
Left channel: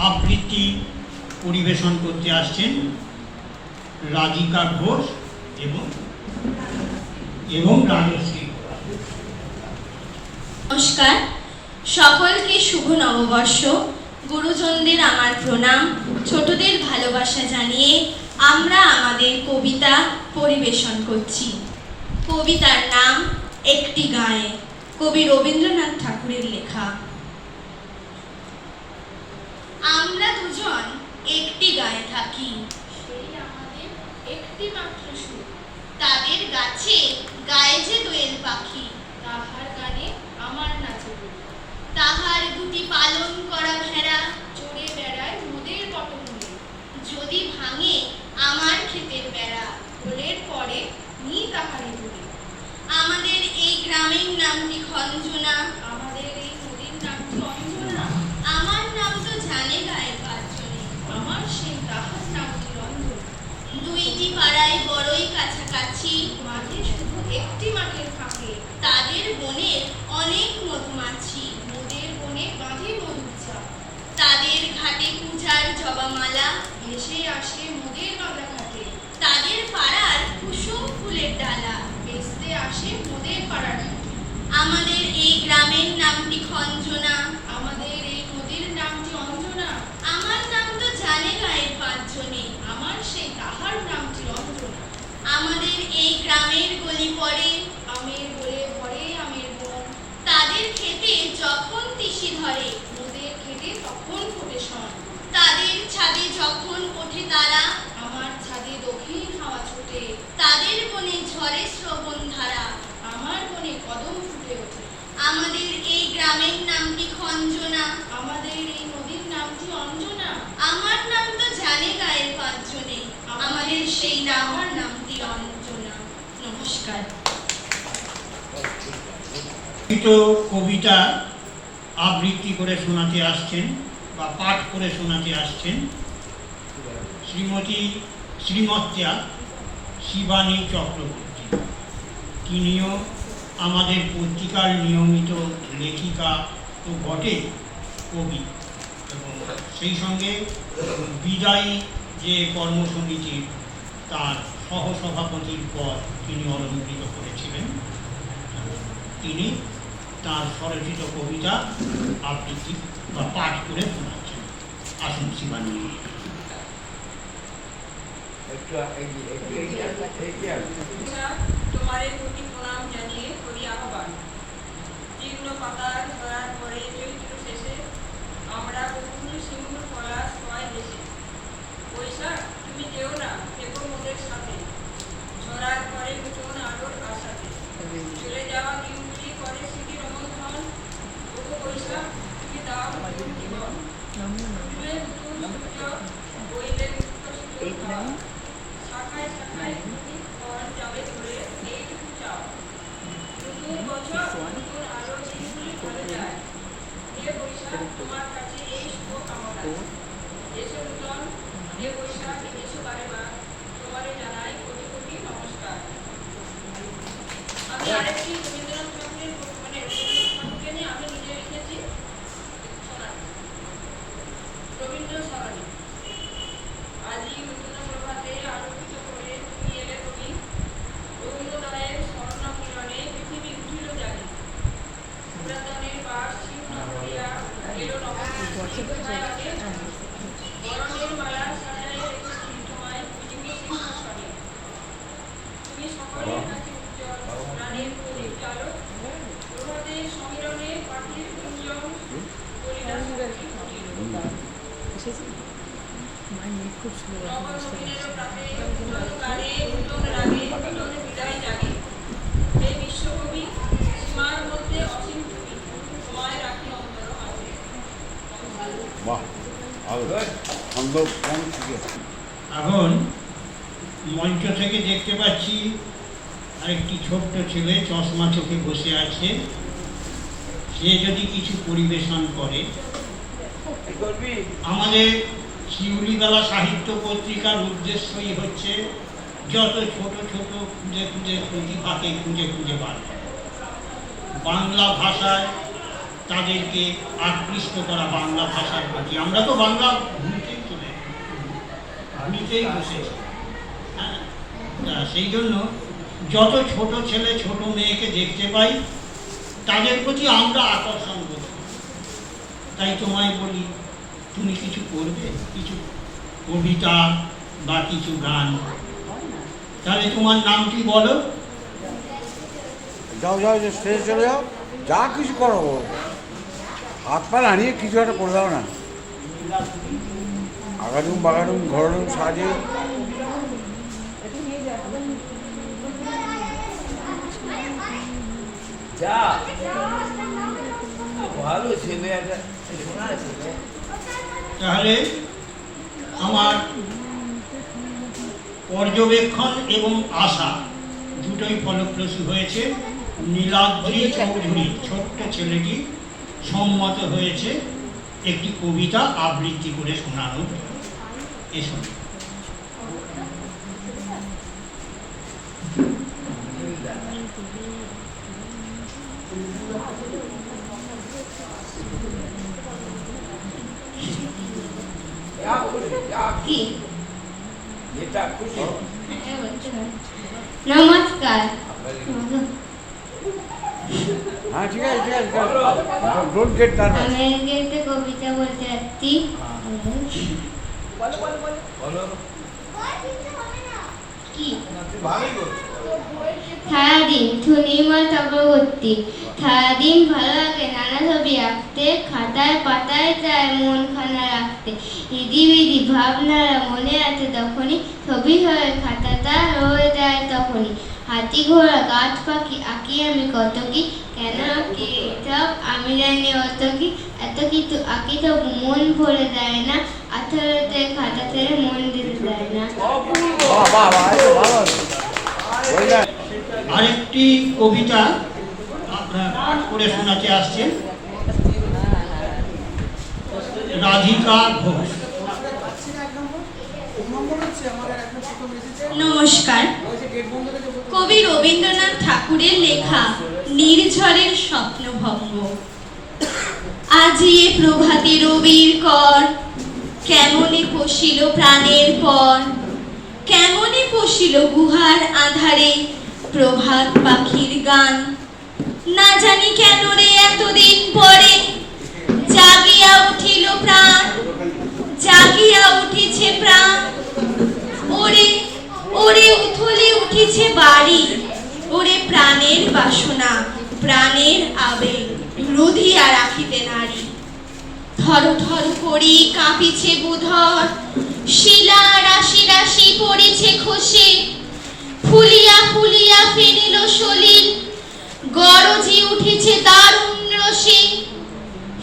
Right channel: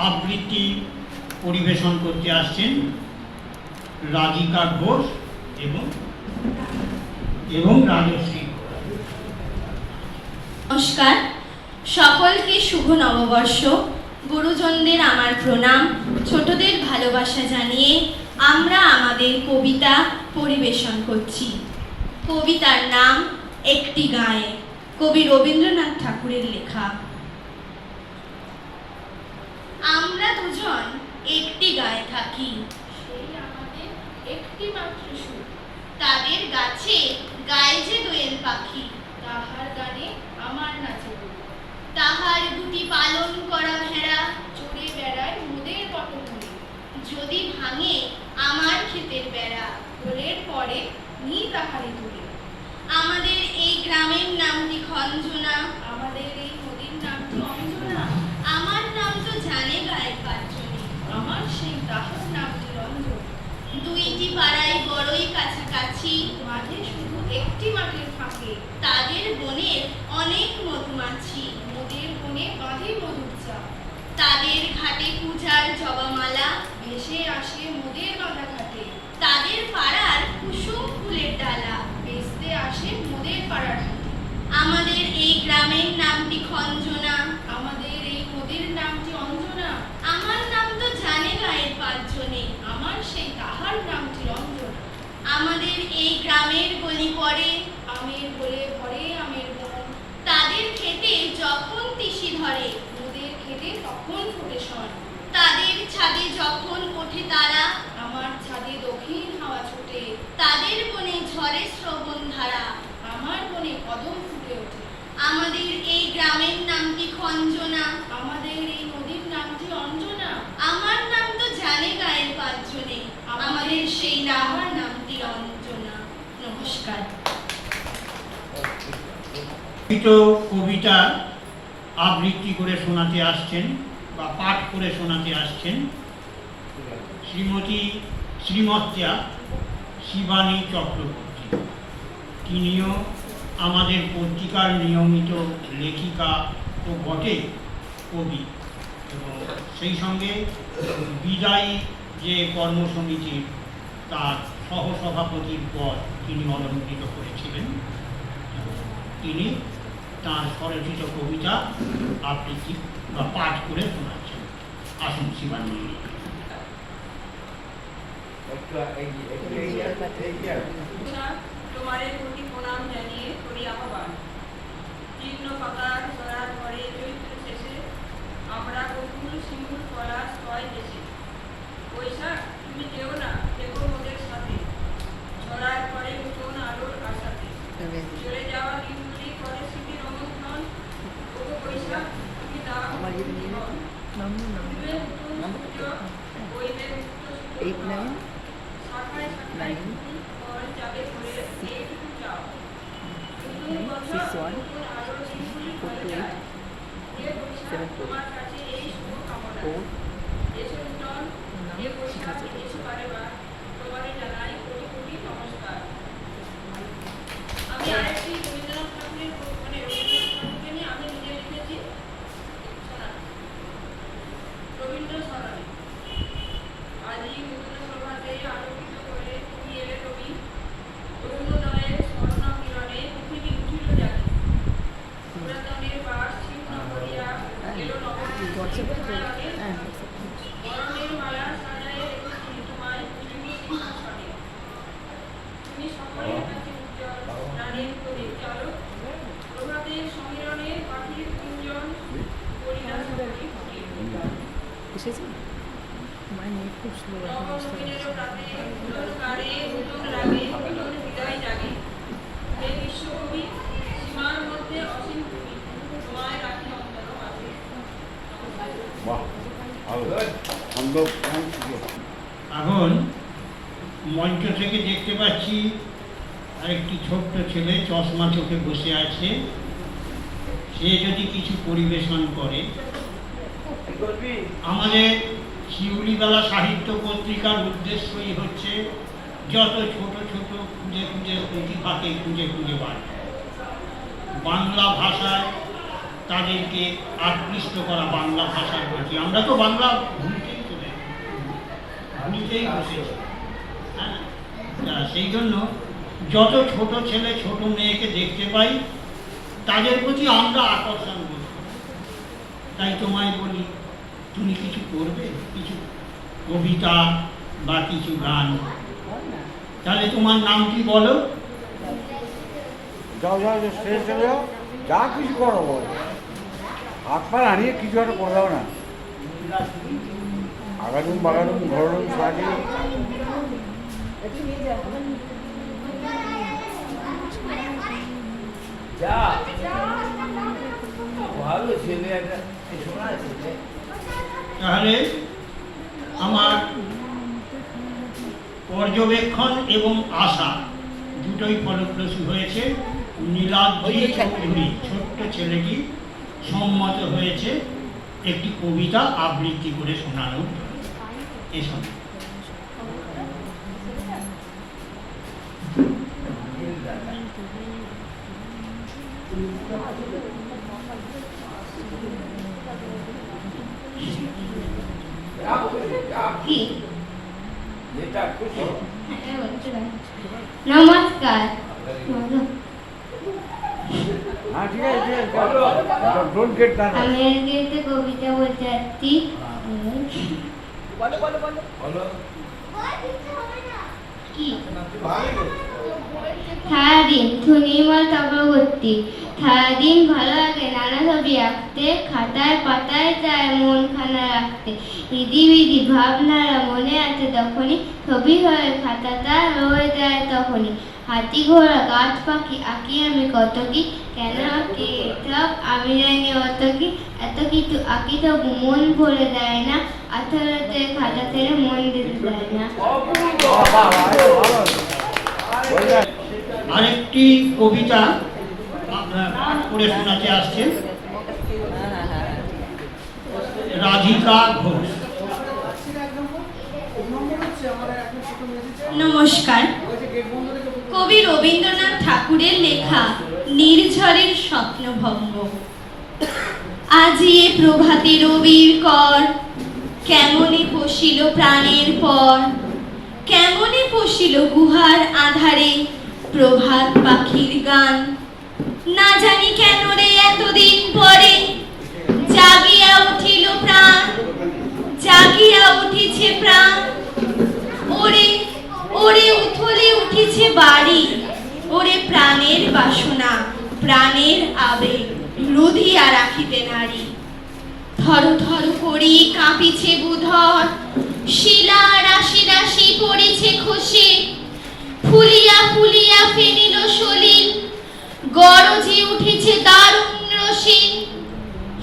আবৃত্তি পরিবেশন করতে আসছেন রাধিকা ঘোষ এবং রাজশ্রী। নমস্কার, সকলকে শুভ নববর্ষ। গুরুজনদের আমার প্রণাম, ছোটদের ভালোবাসা জানিয়ে আমরা আমাদের কবিতা পরিবেশন করছি। কবিতার নাম একটি গায়ে, কবি রবীন্দ্রনাথ ঠাকুরের লেখা। আমরা দুজন একটি গায়ে থাকি, সেই আমাদের একটি মাত্র সুর। তাদের গাছে গায়ে যে দোয়েল পাখি, তাহার গানে আমার নাচে বুক। তাহার দুটি পালন করা ভেড়া চড়ে বেড়ায় মোদের পটভূমি। যদি ভাঙে আমার ক্ষেতের বেড়া, গোলের পরে নি তাহারি ধরে। আমাদের এই গ্রামের নামটি খঞ্জনা, আমাদের এই নদীর নামটি অঞ্জনা। আমার নাম তো জানে গায়ে পাঁচজনে, আমার সেই তাহার নামটি রঞ্জন। দুইটি পাড়ায় বড়ই কাছাকাছি, মাঠে শুধু একটি মাঠের ফাঁকে। তাদের বনে অনেক মধুমাছি, মোদের বনে বাঁধে মধুর চাক। তাদের ঘাটে পূজার জবামালা ভেসে আসে মোদের বাঁধা ঘাটে। তাদের পাড়ার কুসুম ফুলের ডালা বেচতে আসে মোদের পাড়ার হাটে। আমাদের এই গ্রামের নামটি খঞ্জনা, আমাদের এই নদীর নামটি অঞ্জনা। আমার নাম তো জানে গায়ের পাঁচজনে, আমার সেই তাহার নামটি অঞ্জনা। আমাদের এই গ্রামের গলি পড়ে, আমের গোলে ভরে আমের বন। তাদের খেতে যখন তিসি ধরে, মোদের খেতে তখন ফোটে শন। তাদের ছাদে যখন ওঠে তারা, আমার ছাদে দক্ষিণ হাওয়া ছোটে। তাদের বনে ঝরে শ্রবণ ধারা, আমার বনে কদম ফুটে ওঠে। আমাদের এই গ্রামের নামটি খঞ্জনা, আমাদের এই নদীর নামটি অঞ্জনা। আমার নাম কাজের সেই আমার নামটি রঞ্জনা। নমস্কার। কবিতা আবৃত্তি করে শোনাতে আসছেন বা পাঠ করে শোনাতে আসছেন শ্রীমত্যা শিবানী চক্রবর্তী। তিনিও আমাদের পত্রিকার নিয়মিত লেখিকা তো বটে, কবি, এবং সেই সঙ্গে বিদায়ী যে কর্মসমিতির তার সহসভাপতির পদ তিনি অলঙ্কৃত করেছিলেন। তিনি তার স্বরচিত কবিতা আবৃত্তি বা পাঠ করে শোনাচ্ছেন। আসুন শিবানী। তোমারে কোটি প্রণাম জানিয়ে করি আহ্বান। তীর্ণ পাকার ধরার পরে চৈত্র শেষে আমরা বকুল সিঁদুর পলাশ হয় দেশে। বৈশাখ তুমি কেউ না কেউ মোদের সাথে, ঝরার পরে নতুন আলোর আশাতে। চলে যাওয়া দিনগুলি করে স্মৃতির অনুধান। ওগো বৈশাখ তুমি দাও নতুন জীবন। উঠবে নতুন সূর্য, বইবে মুক্ত শীতল হাওয়া। শাখায় শাখায় তুমি ফল যাবে ধরে এইটুকু চাও। নতুন বছর নতুন আলোর দিনগুলি ঘরে যায়। হে বৈশাখ তোমার কাছে এই শুভ কামনা। এসো নূতন হে বৈশাখ এসো বারেবার, তোমারে জানাই কোটি কোটি নমস্কার। আমি আরেকটি রবীন্দ্রনাথ ঠাকুরের রবীন্দ্রনাথ ঠাকুরকে নিয়ে আমি নিজে লিখেছি সোনালি রবীন্দ্র স্মরণী। আজই নূতন প্রভাতে আলোকিত করে তুমি এলে তুমি, অরুণোদয়ের স্বর্ণ কিরণে পৃথিবী উঠিল জাগে। পুরাতনের বাস ছিন্ন করিয়া এলো নবদীপ ছায়াকে। বরণের মালা সাজায়ে রেখেছি তোমায় পৃথিবী সিংহাসনে। তুমি সকলের কাছে উজ্জ্বল প্রাণের প্রদীপ চালক। প্রভাতের সমীরণে পাখির কুঞ্জন করিলা সঙ্গী ফুটিল। নগর দিনের প্রাতে নূতন গানে নূতন রাগে নূতন হৃদয় জাগে। হে বিশ্বকবি সীমার মধ্যে অসীম তুমি, তোমায় রাখি অন্তর মাঝে। এখন মঞ্চ থেকে দেখতে পাচ্ছি আরেকটি ছোট্ট ছেলে চশমা চোখে বসে আছে। সে যদি কিছু পরিবেশন করে। আমাদের শিউলিবেলা সাহিত্য পত্রিকার উদ্দেশ্যই হচ্ছে যত ছোট ছোট খুঁজে খুঁজে প্রতিভাকে খুঁজে খুঁজে বার করা, বাংলা ভাষায় তাদেরকে আকৃষ্ট করা, বাংলা ভাষার প্রতি। আমরা তো বাংলা ভুলতেই বসেছি। হ্যাঁ, সেই জন্য যত ছোট ছেলে ছোট মেয়েকে দেখতে পাই তাদের প্রতি আমরা আকর্ষণ করি। তাই তোমায় বলি, তুমি কিছু করবে, কিছু কবিতা বা কিছু গান। তাহলে তোমার নামটি বলো। যাও যাও, স্টেজে চলে যাও, যা কিছু করো, হাত পা হারিয়ে কিছু একটা করে দাও না। আগাডুম বাগাডুম ঘরডুম সাজে। তাহলে আমার পর্যবেক্ষণ এবং আশা দুটোই ফলপ্রসূ হয়েছে। নীলাদ্রি চৌধুরী ছোট্ট ছেলেটি সম্মত হয়েছে একটি কবিতা আবৃত্তি করে শোনানো। এসব নমস্কার। হ্যাঁ ঠিক আছে ঠিক আছে, ডোন্ট গেট দ্যাট। আমি আজকে কবিতা বলতে যাচ্ছি। কি? সারাদিন সুনির্মল চক্রবর্তী। সারাদিন ভালো লাগে নানা ছবি আঁকতে, খাতায় পাতায় চায় মন খানা রাখতে। ইদিবিদি ভাবনারা মনে আছে তখনই, ছবি হয়ে খাতাটা রয়ে যায় তখনই। হাতি ঘোড়া গাছ পাখি আঁকি আমি কত কি, কেন আঁকি সব আমি জানি অত কি। এত কিছু আঁকি তবু মন ভরে দেয় না, 18তে খাতা ছেড়ে মন দিতে দেয় না। আরেকটি কবিতা আপনার পাঠ করে শোনাতে আসছেন রাধিকা ঘোষ। নমস্কার। কবি রবীন্দ্রনাথ ঠাকুরের লেখা নির্ঝরের স্বপ্নভঙ্গ। আজি এ প্রভাতে রবির কর, কেমনে পশিল প্রাণের পর, কেমনে পশিল গুহার আধারে প্রভাত পাখির গান। না জানি কেন রে এতদিন পরে জাগিয়া উঠিল প্রাণ, জাগিয়া উঠিছে প্রাণ। ওরে ওরে উথলে উঠিছে বাড়ি, ওরে প্রাণের বাসনা প্রাণের আবেগ রুধিয়া রাখিতে নারী। থর থর করি কাঁপিছে বুধর, শিলা রাশি রাশি পড়েছে খসে, ফুলিয়া ফুলিয়া ফেনিল সলিল, গরজি উঠেছে দারুণ রসে।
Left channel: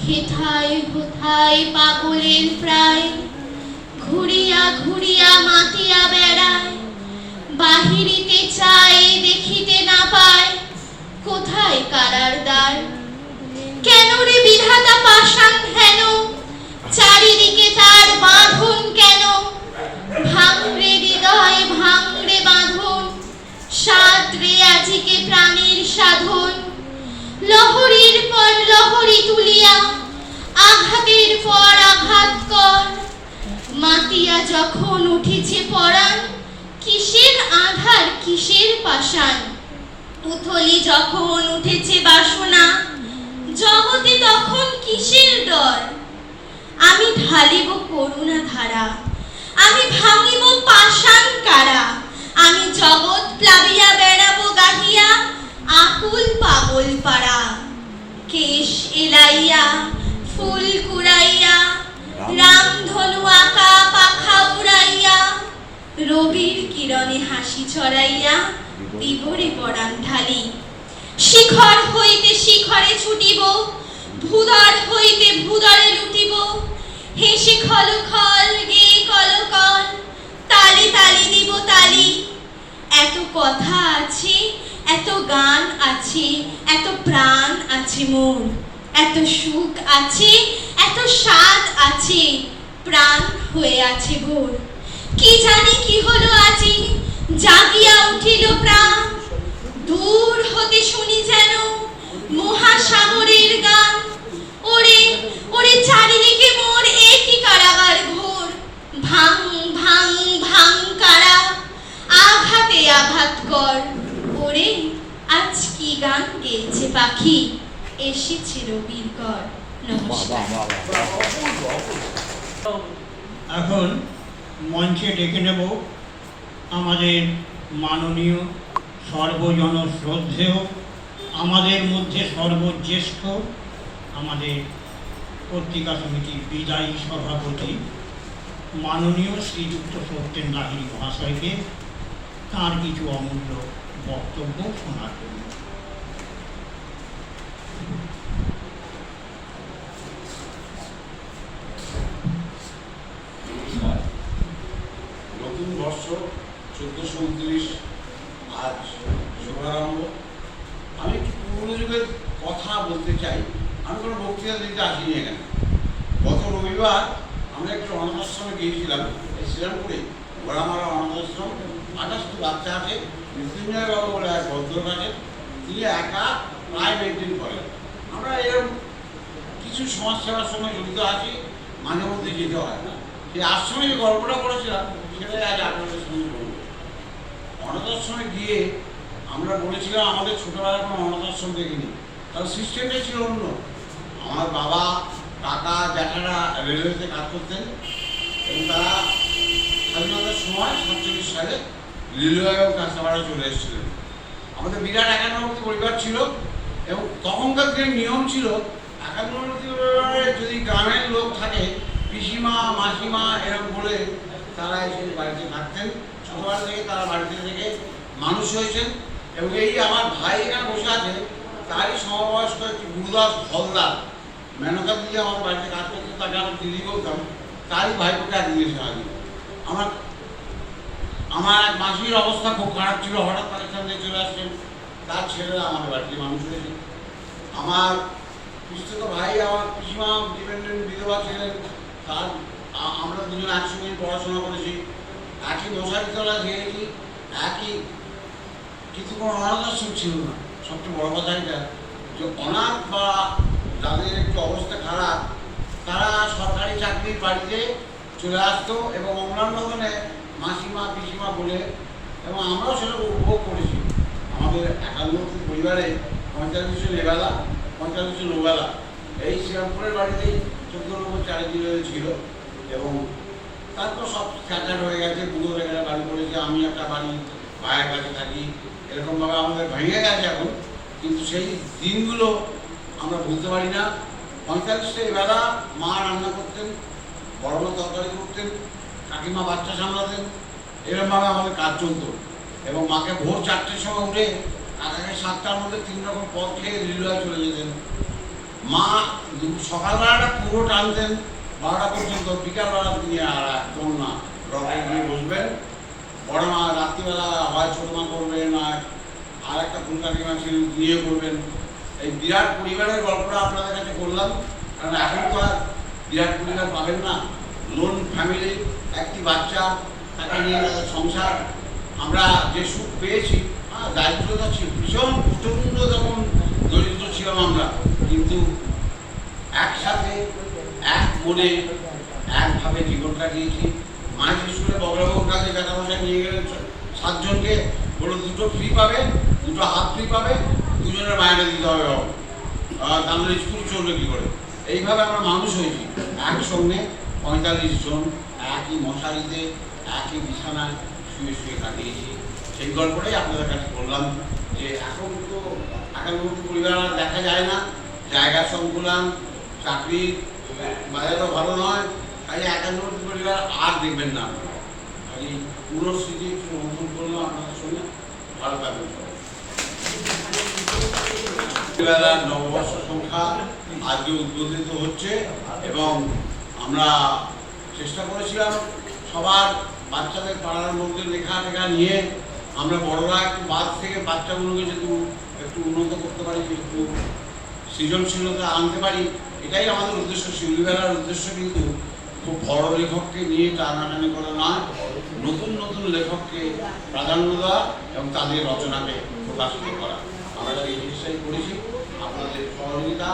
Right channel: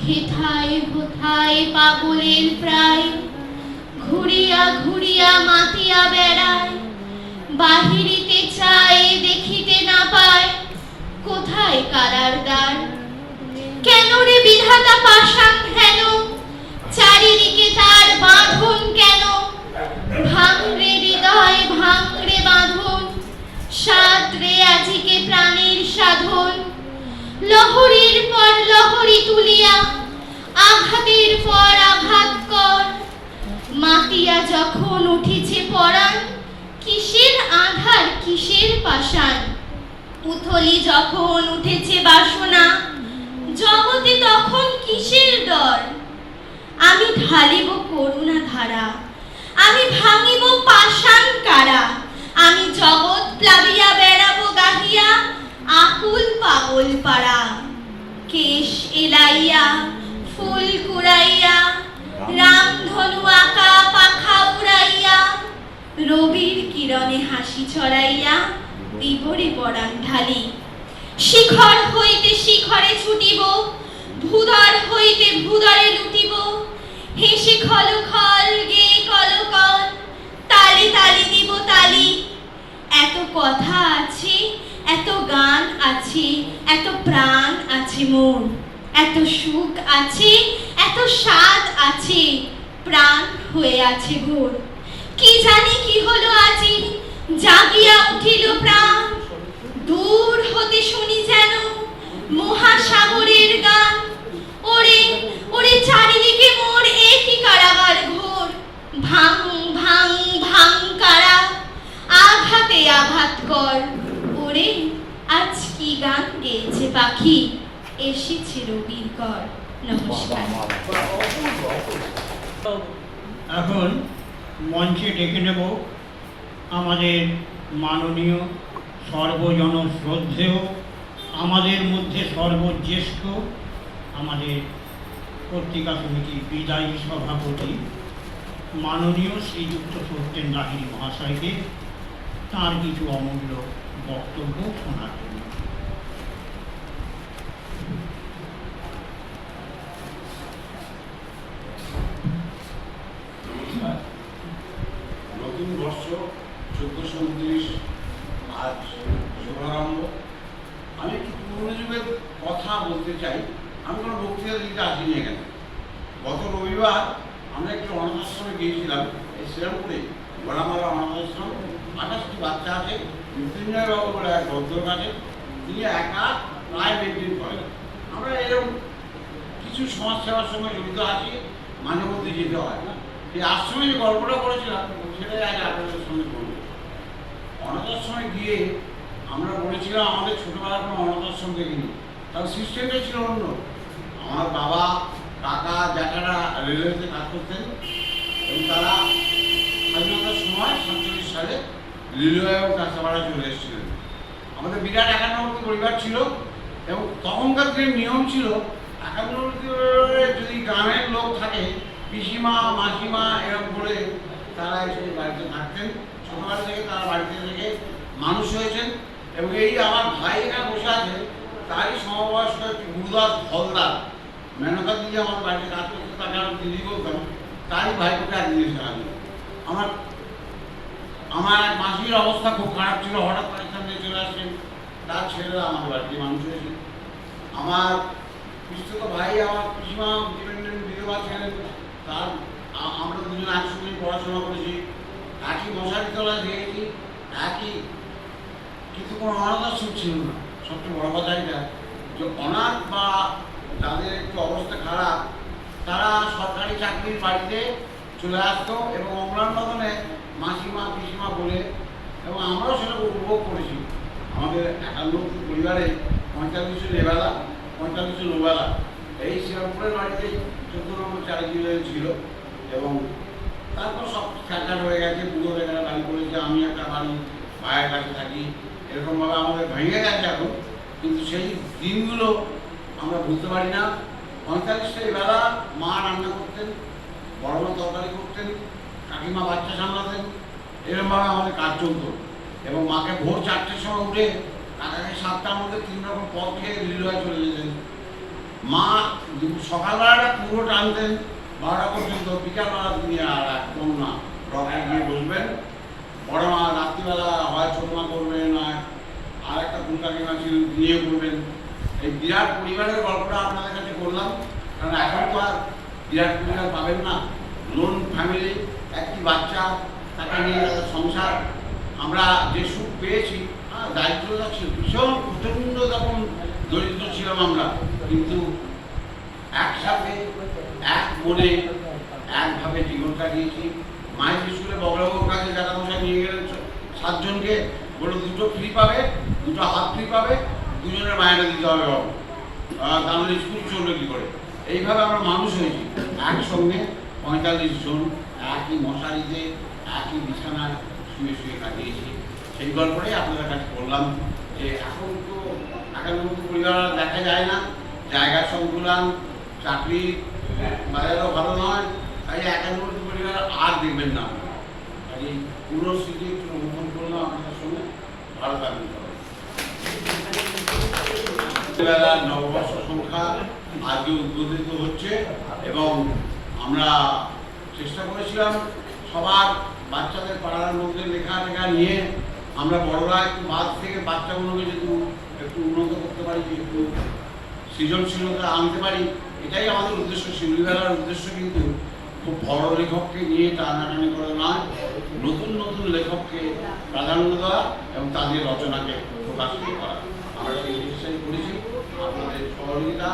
হেথায় হোথায় পাগলের প্রায়, ঘুরিয়া ঘুরিয়া মাতিয়া বেড়ায়। বাহিরিতে চায় দেখিতে না পায়, কোথায় কারার দ্বার। কেন রে বিধাতা পাষাণ হেন, চারিদিকে তার বাঁধন কেন। ভাঙরে হৃদয় ভাঙরে বাঁধন, সাত রে আজিকে প্রাণের সাধন। লহরীর পর লহরী তুলিয়া, আঘাতের পর আঘাত কর। মাতিয়া যখন উঠেছে পরাণ, কিসের আধার কিসের পাষাণ। উথলি যখন উঠেছে বাসনা, জগতে তখন কিসের ডর। আমি ঢালিব করুণা ধারা, আমি ভাঙিব পাষাণ কারা। আমি জগৎ প্লাবিয়া বেড়াবো গাহিয়া, আকুল পাগল পাড়া। কেশ এলাইয়া ফুল কুড়াইয়া, রামধনু আঁকা পাখা উড়াইয়া। রবির কিরণে হাসি ছড়াইয়া, দিবরে পরাণ ঢালি। শিখর হইতে শিখরে ছুটিব, ভূধর হইতে ভূধরে লুটিব। হেসে খল খল গে কল কল, তালি তালি দিব তালি। এত কথা আছে, এত গান আছে, এত প্রাণ আছে মোর। এত সুখ আছে, এত স্বাদ আছে, প্রাণ হয়ে আছে ভোর। কি জানি কি হলো আজি, জাগিয়া উঠিল প্রাণ। দূর হতে শুনি যেন মহাসাগরের গান। ওরে ওরে চারিদিকে মোর একই কারাগার ঘোর। ভাঙ ভাঙ ভাঙ কারা, আঘাতে আঘাত কর। ওরে আজ কি গান গেয়েছে পাখি, এসেছে রবির কর। নমস্কার। এখন মঞ্চে ডেকে নেব আমাদের মাননীয় সর্বজন শ্রদ্ধেয়, আমাদের মধ্যে সর্বজ্যেষ্ঠ, আমাদের পত্রিকা সমিতির বিদায়ী সভাপতি মাননীয় শ্রীযুক্ত সত্যেন রাহি মহাশয়কে তাঁর কিছু অমূল্য বক্তব্য শোনার জন্য। নতুন বর্ষ 1429 আজ শুভারম্ভ। আমি একটু পুরনো যুগের কথা বলতে চাই। আমি কোনো বক্তৃতা দিতে আসিনি এখানে। গত রবিবার আমরা একটু অনাথ আশ্রমে গিয়েছিলাম, এই শ্রীরামপুরে গোড়ামারা অনাথ আশ্রম। 28টি বাচ্চা আছে। মৃত্যুঞ্জয় বাবু বলে এক ভদ্র কাছে, তিনি একা প্রায় মেনটেন করেন। আমরা এরকম কিছু সমাজসেবার সঙ্গে জড়িত আছি, মাঝে মধ্যে যেতে হয়। এই আশ্রমে যে গল্পটা করেছিলাম সেটাই আজ আপনাদের সঙ্গে বলব। অনাথ আশ্রমে গিয়ে আমরা বলেছিলাম আমাদের ছোটবেলায় কোনো অনাথ আশ্রম দেখিনি, তার সিস্টেমটা ছিল অন্য। আমার বাবা কাকা জ্যাঠারা রেলওয়েতে কাজ করতেন এবং তারা স্বাধীনতার সময় 47 সালে রেলওয়েও কাঁচাপাড়া চলে এসেছিলেন। আমাদের বিরাট একান্নবর্তী পরিবার ছিল এবং তখনকার যে নিয়ম ছিল, একান্নবর্তী পরিবারে যদি গ্রামের লোক থাকে, পিসিমা মাসিমা এরকম বলে তারা এসে বাড়িতে থাকতেন। ছোটবেলা থেকে তারা বাড়িতে থেকে মানুষ হয়েছেন এবং এই আমার ভাই এখানে বসে আছে, তারই সমবয়স্ক একটি গুরুদাস ফলদার, মেনকা দিদি আমার বাড়িতে কাজ করতে, তাকে আমি দিদি বলতাম, তারই ভাইপোকে নিয়ে এসে হাজির। আমার এক মাসির অবস্থা খুব খারাপ ছিল, হঠাৎ পাকিস্তান থেকে চলে আসছেন, তার ছেলেরা আমার বাড়িতে মানুষ হয়েছে। আমার পিস্তত ভাই, আমার পিসিমা ডিপেন্ডেন্ট বিধবা ছিলেন, তার আমরা দুজন একসঙ্গে পড়াশোনা করেছি, একই মশারি তলায় খেয়েছি, একই, কিন্তু কোনো অনাথ আশ্রম ছিল না। সবচেয়ে বড় কথা এটা যে অনাথ বা যাদের একটু অবস্থা খারাপ তারা সরকারি চাকরির বাড়িতে চলে আসতো এবং অম্লান বাগানে মাসিমা পিসিমা বলে, এবং আমরাও সেটা উপভোগ করেছি। আমাদের 91টি পরিবারে 45 জন এবেলা 45 জন ওবেলা এই শ্রীরামপুরের বাড়িতেই 14 নম্বর চারিদিকে ছিল। এবং তারপর সব স্ক্যাটার হয়ে গেছে, পুরো এখানে বাড়ি করেছে, আমি একটা বাড়ি ভাইয়ের কাছে থাকি, এরকমভাবে আমাদের ভেঙে গেছে এখন। কিন্তু সেই দিনগুলো আমরা ভুলতে পারি না। 45টা বেলা মা রান্না করতেন, বড় বড় তরকারি করতেন, কাকিমা বাচ্চা সামলাতেন, এরকমভাবে আমাদের কাজ চলতো। এবং মাকে ভোর 4টের সময় উঠে কাকাকে 7টার মধ্যে 3 রকম পদ খেয়ে রিলুয়ায় চলে যেতেন। মা সকালবেলাটা পুরো টানতেন 12টা পর্যন্ত, বিকালবেলা তিনি আর একদম না, রকে গিয়ে বসবেন। বড় মা রাত্রিবেলা হয় ছোট মা করবেন, আর একটা পুরো কাকিমা ছিলেন নিয়ে করবেন। এই বিরাট পরিবারের গল্পটা আপনাদের কাছে করলাম, কারণ এখন তো আর বিরাট পরিবার পাবেন না। লোন ফ্যামিলি, একটি বাচ্চা, তাকে নিয়ে সংসার, আমরা যে সুখ পেয়েছি, দারিদ্রতা ছিল ভীষণ প্রচণ্ড, তখন দরিদ্র ছিলাম আমরা, কিন্তু একসাথে এক মনে একভাবে জীবন কাটিয়েছি। মায়ের স্কুলে বগলাবাবুর কাছে টাকা-পয়সা নিয়ে গেলে 7 জনকে বলো 2টো ফ্রি পাবে, 2টো হাফ ফ্রি পাবে, 2জনের মায়েরা দিতে হবে বাবু, তাহলে স্কুল চলবে কী করে। এইভাবে আমরা মানুষ হয়েছি একসঙ্গে 45 জন একই মশারিতে একই বিছানায় শুয়ে শুয়ে কাটিয়েছি। সেই গল্পটাই আপনাদের কাছে বললাম যে এখন তো আগের মতো পরিবার দেখা যায় না, জায়গার সংকুলান, চাকরির বাজারও ভালো নয়, তাই 91টি পরিবার আর দেখবেন না। কাজে পুরো স্মৃতি একটু অনুভব করলাম আপনাদের সঙ্গে। ভালো থাকবেন সবাই। নববর্ষ সংখ্যা আজকে উদ্বোধিত হচ্ছে এবং আমরা চেষ্টা করেছিলাম সবার বাচ্চাদের পাড়ার মধ্যে লেখা নিয়ে আমরা বড়রা একটু বাদ থেকে বাচ্চাগুলোকে যদি একটু উন্নত করতে পারি, একটু সৃজনশীলতা আনতে পারি, এটাই আমাদের উদ্দেশ্য। শিল্পীবেলার উদ্দেশ্য কিন্তু খুব বড় লেখককে নিয়ে টানাটানি করা নয়, নতুন নতুন লেখককে প্রাধান্য দেওয়া এবং তাদের রচনাকে প্রকাশ করা। আমরা সেই জিনিসটাই করেছি। আপনাদের সহযোগিতা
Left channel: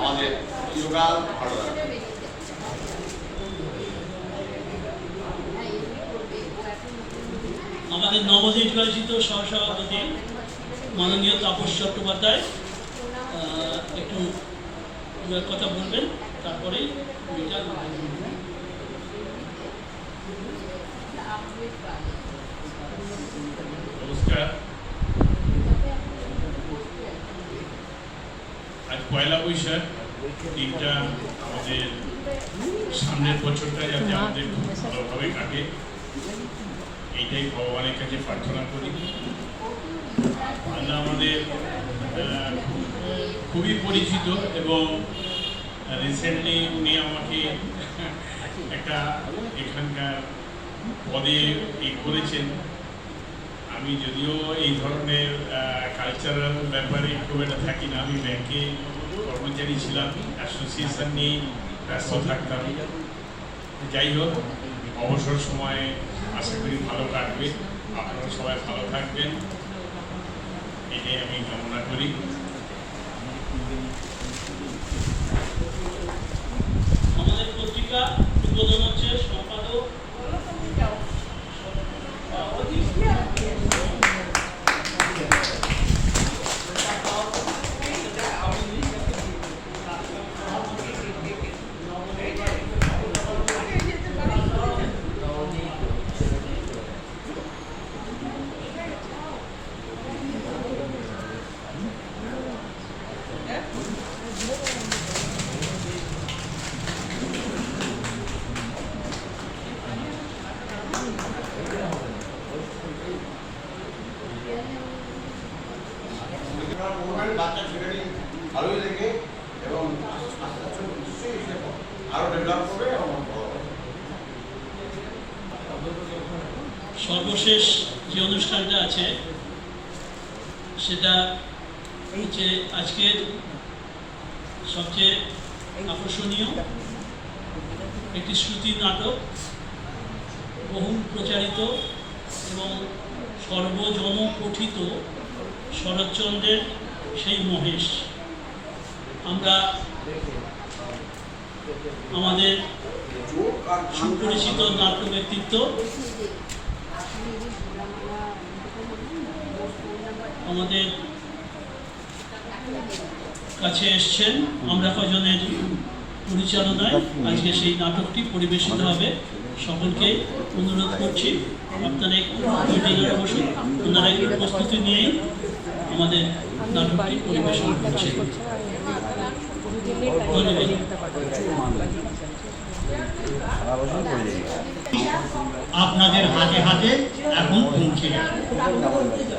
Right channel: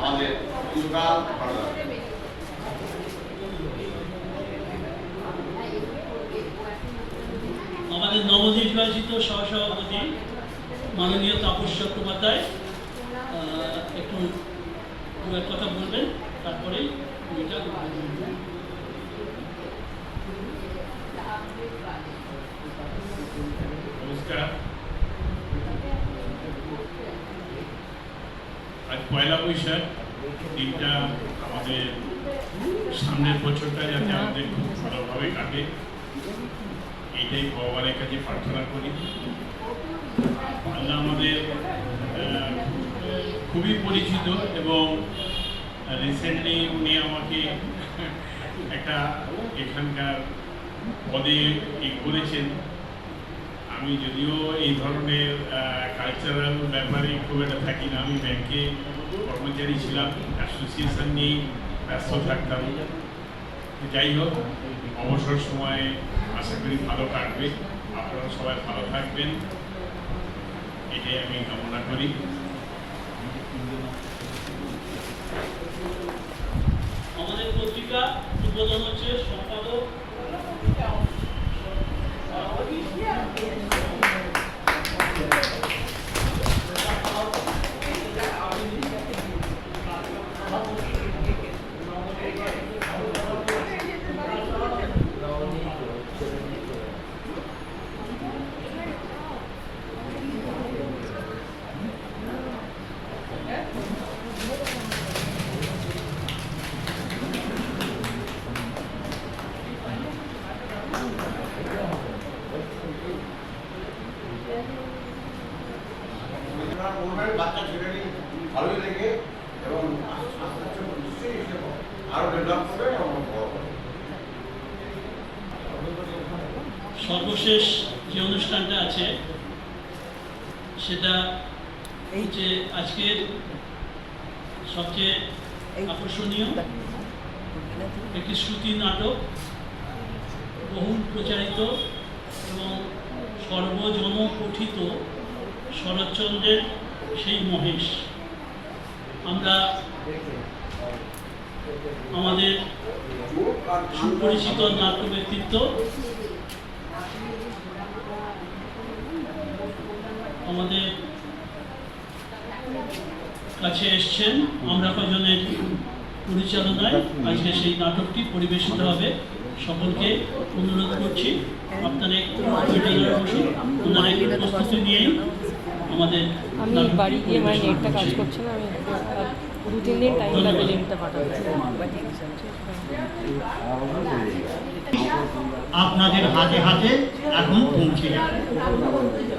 আমাদের চিরকাল ভালো লাগবে। আমাদের নবনির্বাচিত সহসভাপতি মাননীয় তাপস চট্টোপাধ্যায় একটু কথা বলবেন, তারপরেই নমস্কার। আজ পয়লা বৈশাখ, দিনটা আমাদের সামনের বছরটা যাতে আমাদের খুব ভালোভাবে কাটে, এইটাই ভগবানের কাছে প্রার্থনা করি। বাংলা আমাদের খুবই পরিচিত এবং রিসেন্টলি উনি আমাকে একটা এখানকার পদে করেছেন। আমি যদিও এই ধরনের কালচারাল ব্যাপারে খুব একটা থাকি না, আমি ব্যাংকে কর্মচারী ছিলাম, অ্যাসোসিয়েশন নিয়ে ব্যস্ত থাকতাম। যাই হোক, অবসর সময় আশা করি ভালো কাটবে, আপনারা সবাই ভালো থাকবেন, এটাই আমি কামনা করি। আমাদের পত্রিকা উদ্বোধন হচ্ছে সম্পাদক বাচ্চা ছেলেটি ভালোই লেগে এবং আস্তে আস্তে নিশ্চয়ই এসে আরো ডেভেলপ করবে এবং বড় হবে। সর্বশেষ যে অনুষ্ঠানটা আছে সেটা হচ্ছে আজকের সবচেয়ে আকর্ষণীয় একটি শ্রুতি নাটক, বহুল প্রচারিত এবং সর্বজন পঠিত শরৎচন্দ্রের সেই মহেশ। আমরা আমাদের সুপরিচিত নাট্য ব্যক্তিত্ব আমাদের কাছে এসছেন, আমরা কজনের পরিচালনায় আজকে সেই নাটকটি পরিবেশিত হবে। সকলকে অনুরোধ করছি আপনারা একটু জায়গায় বসুন, ওনারা একটু প্রস্তুতি নিয়েই আমাদের নাটকটি পরিবেশন করছেন। ধন্যবাদ। আপনাদের হাতে হাতে এখন পৌঁছে গেছে।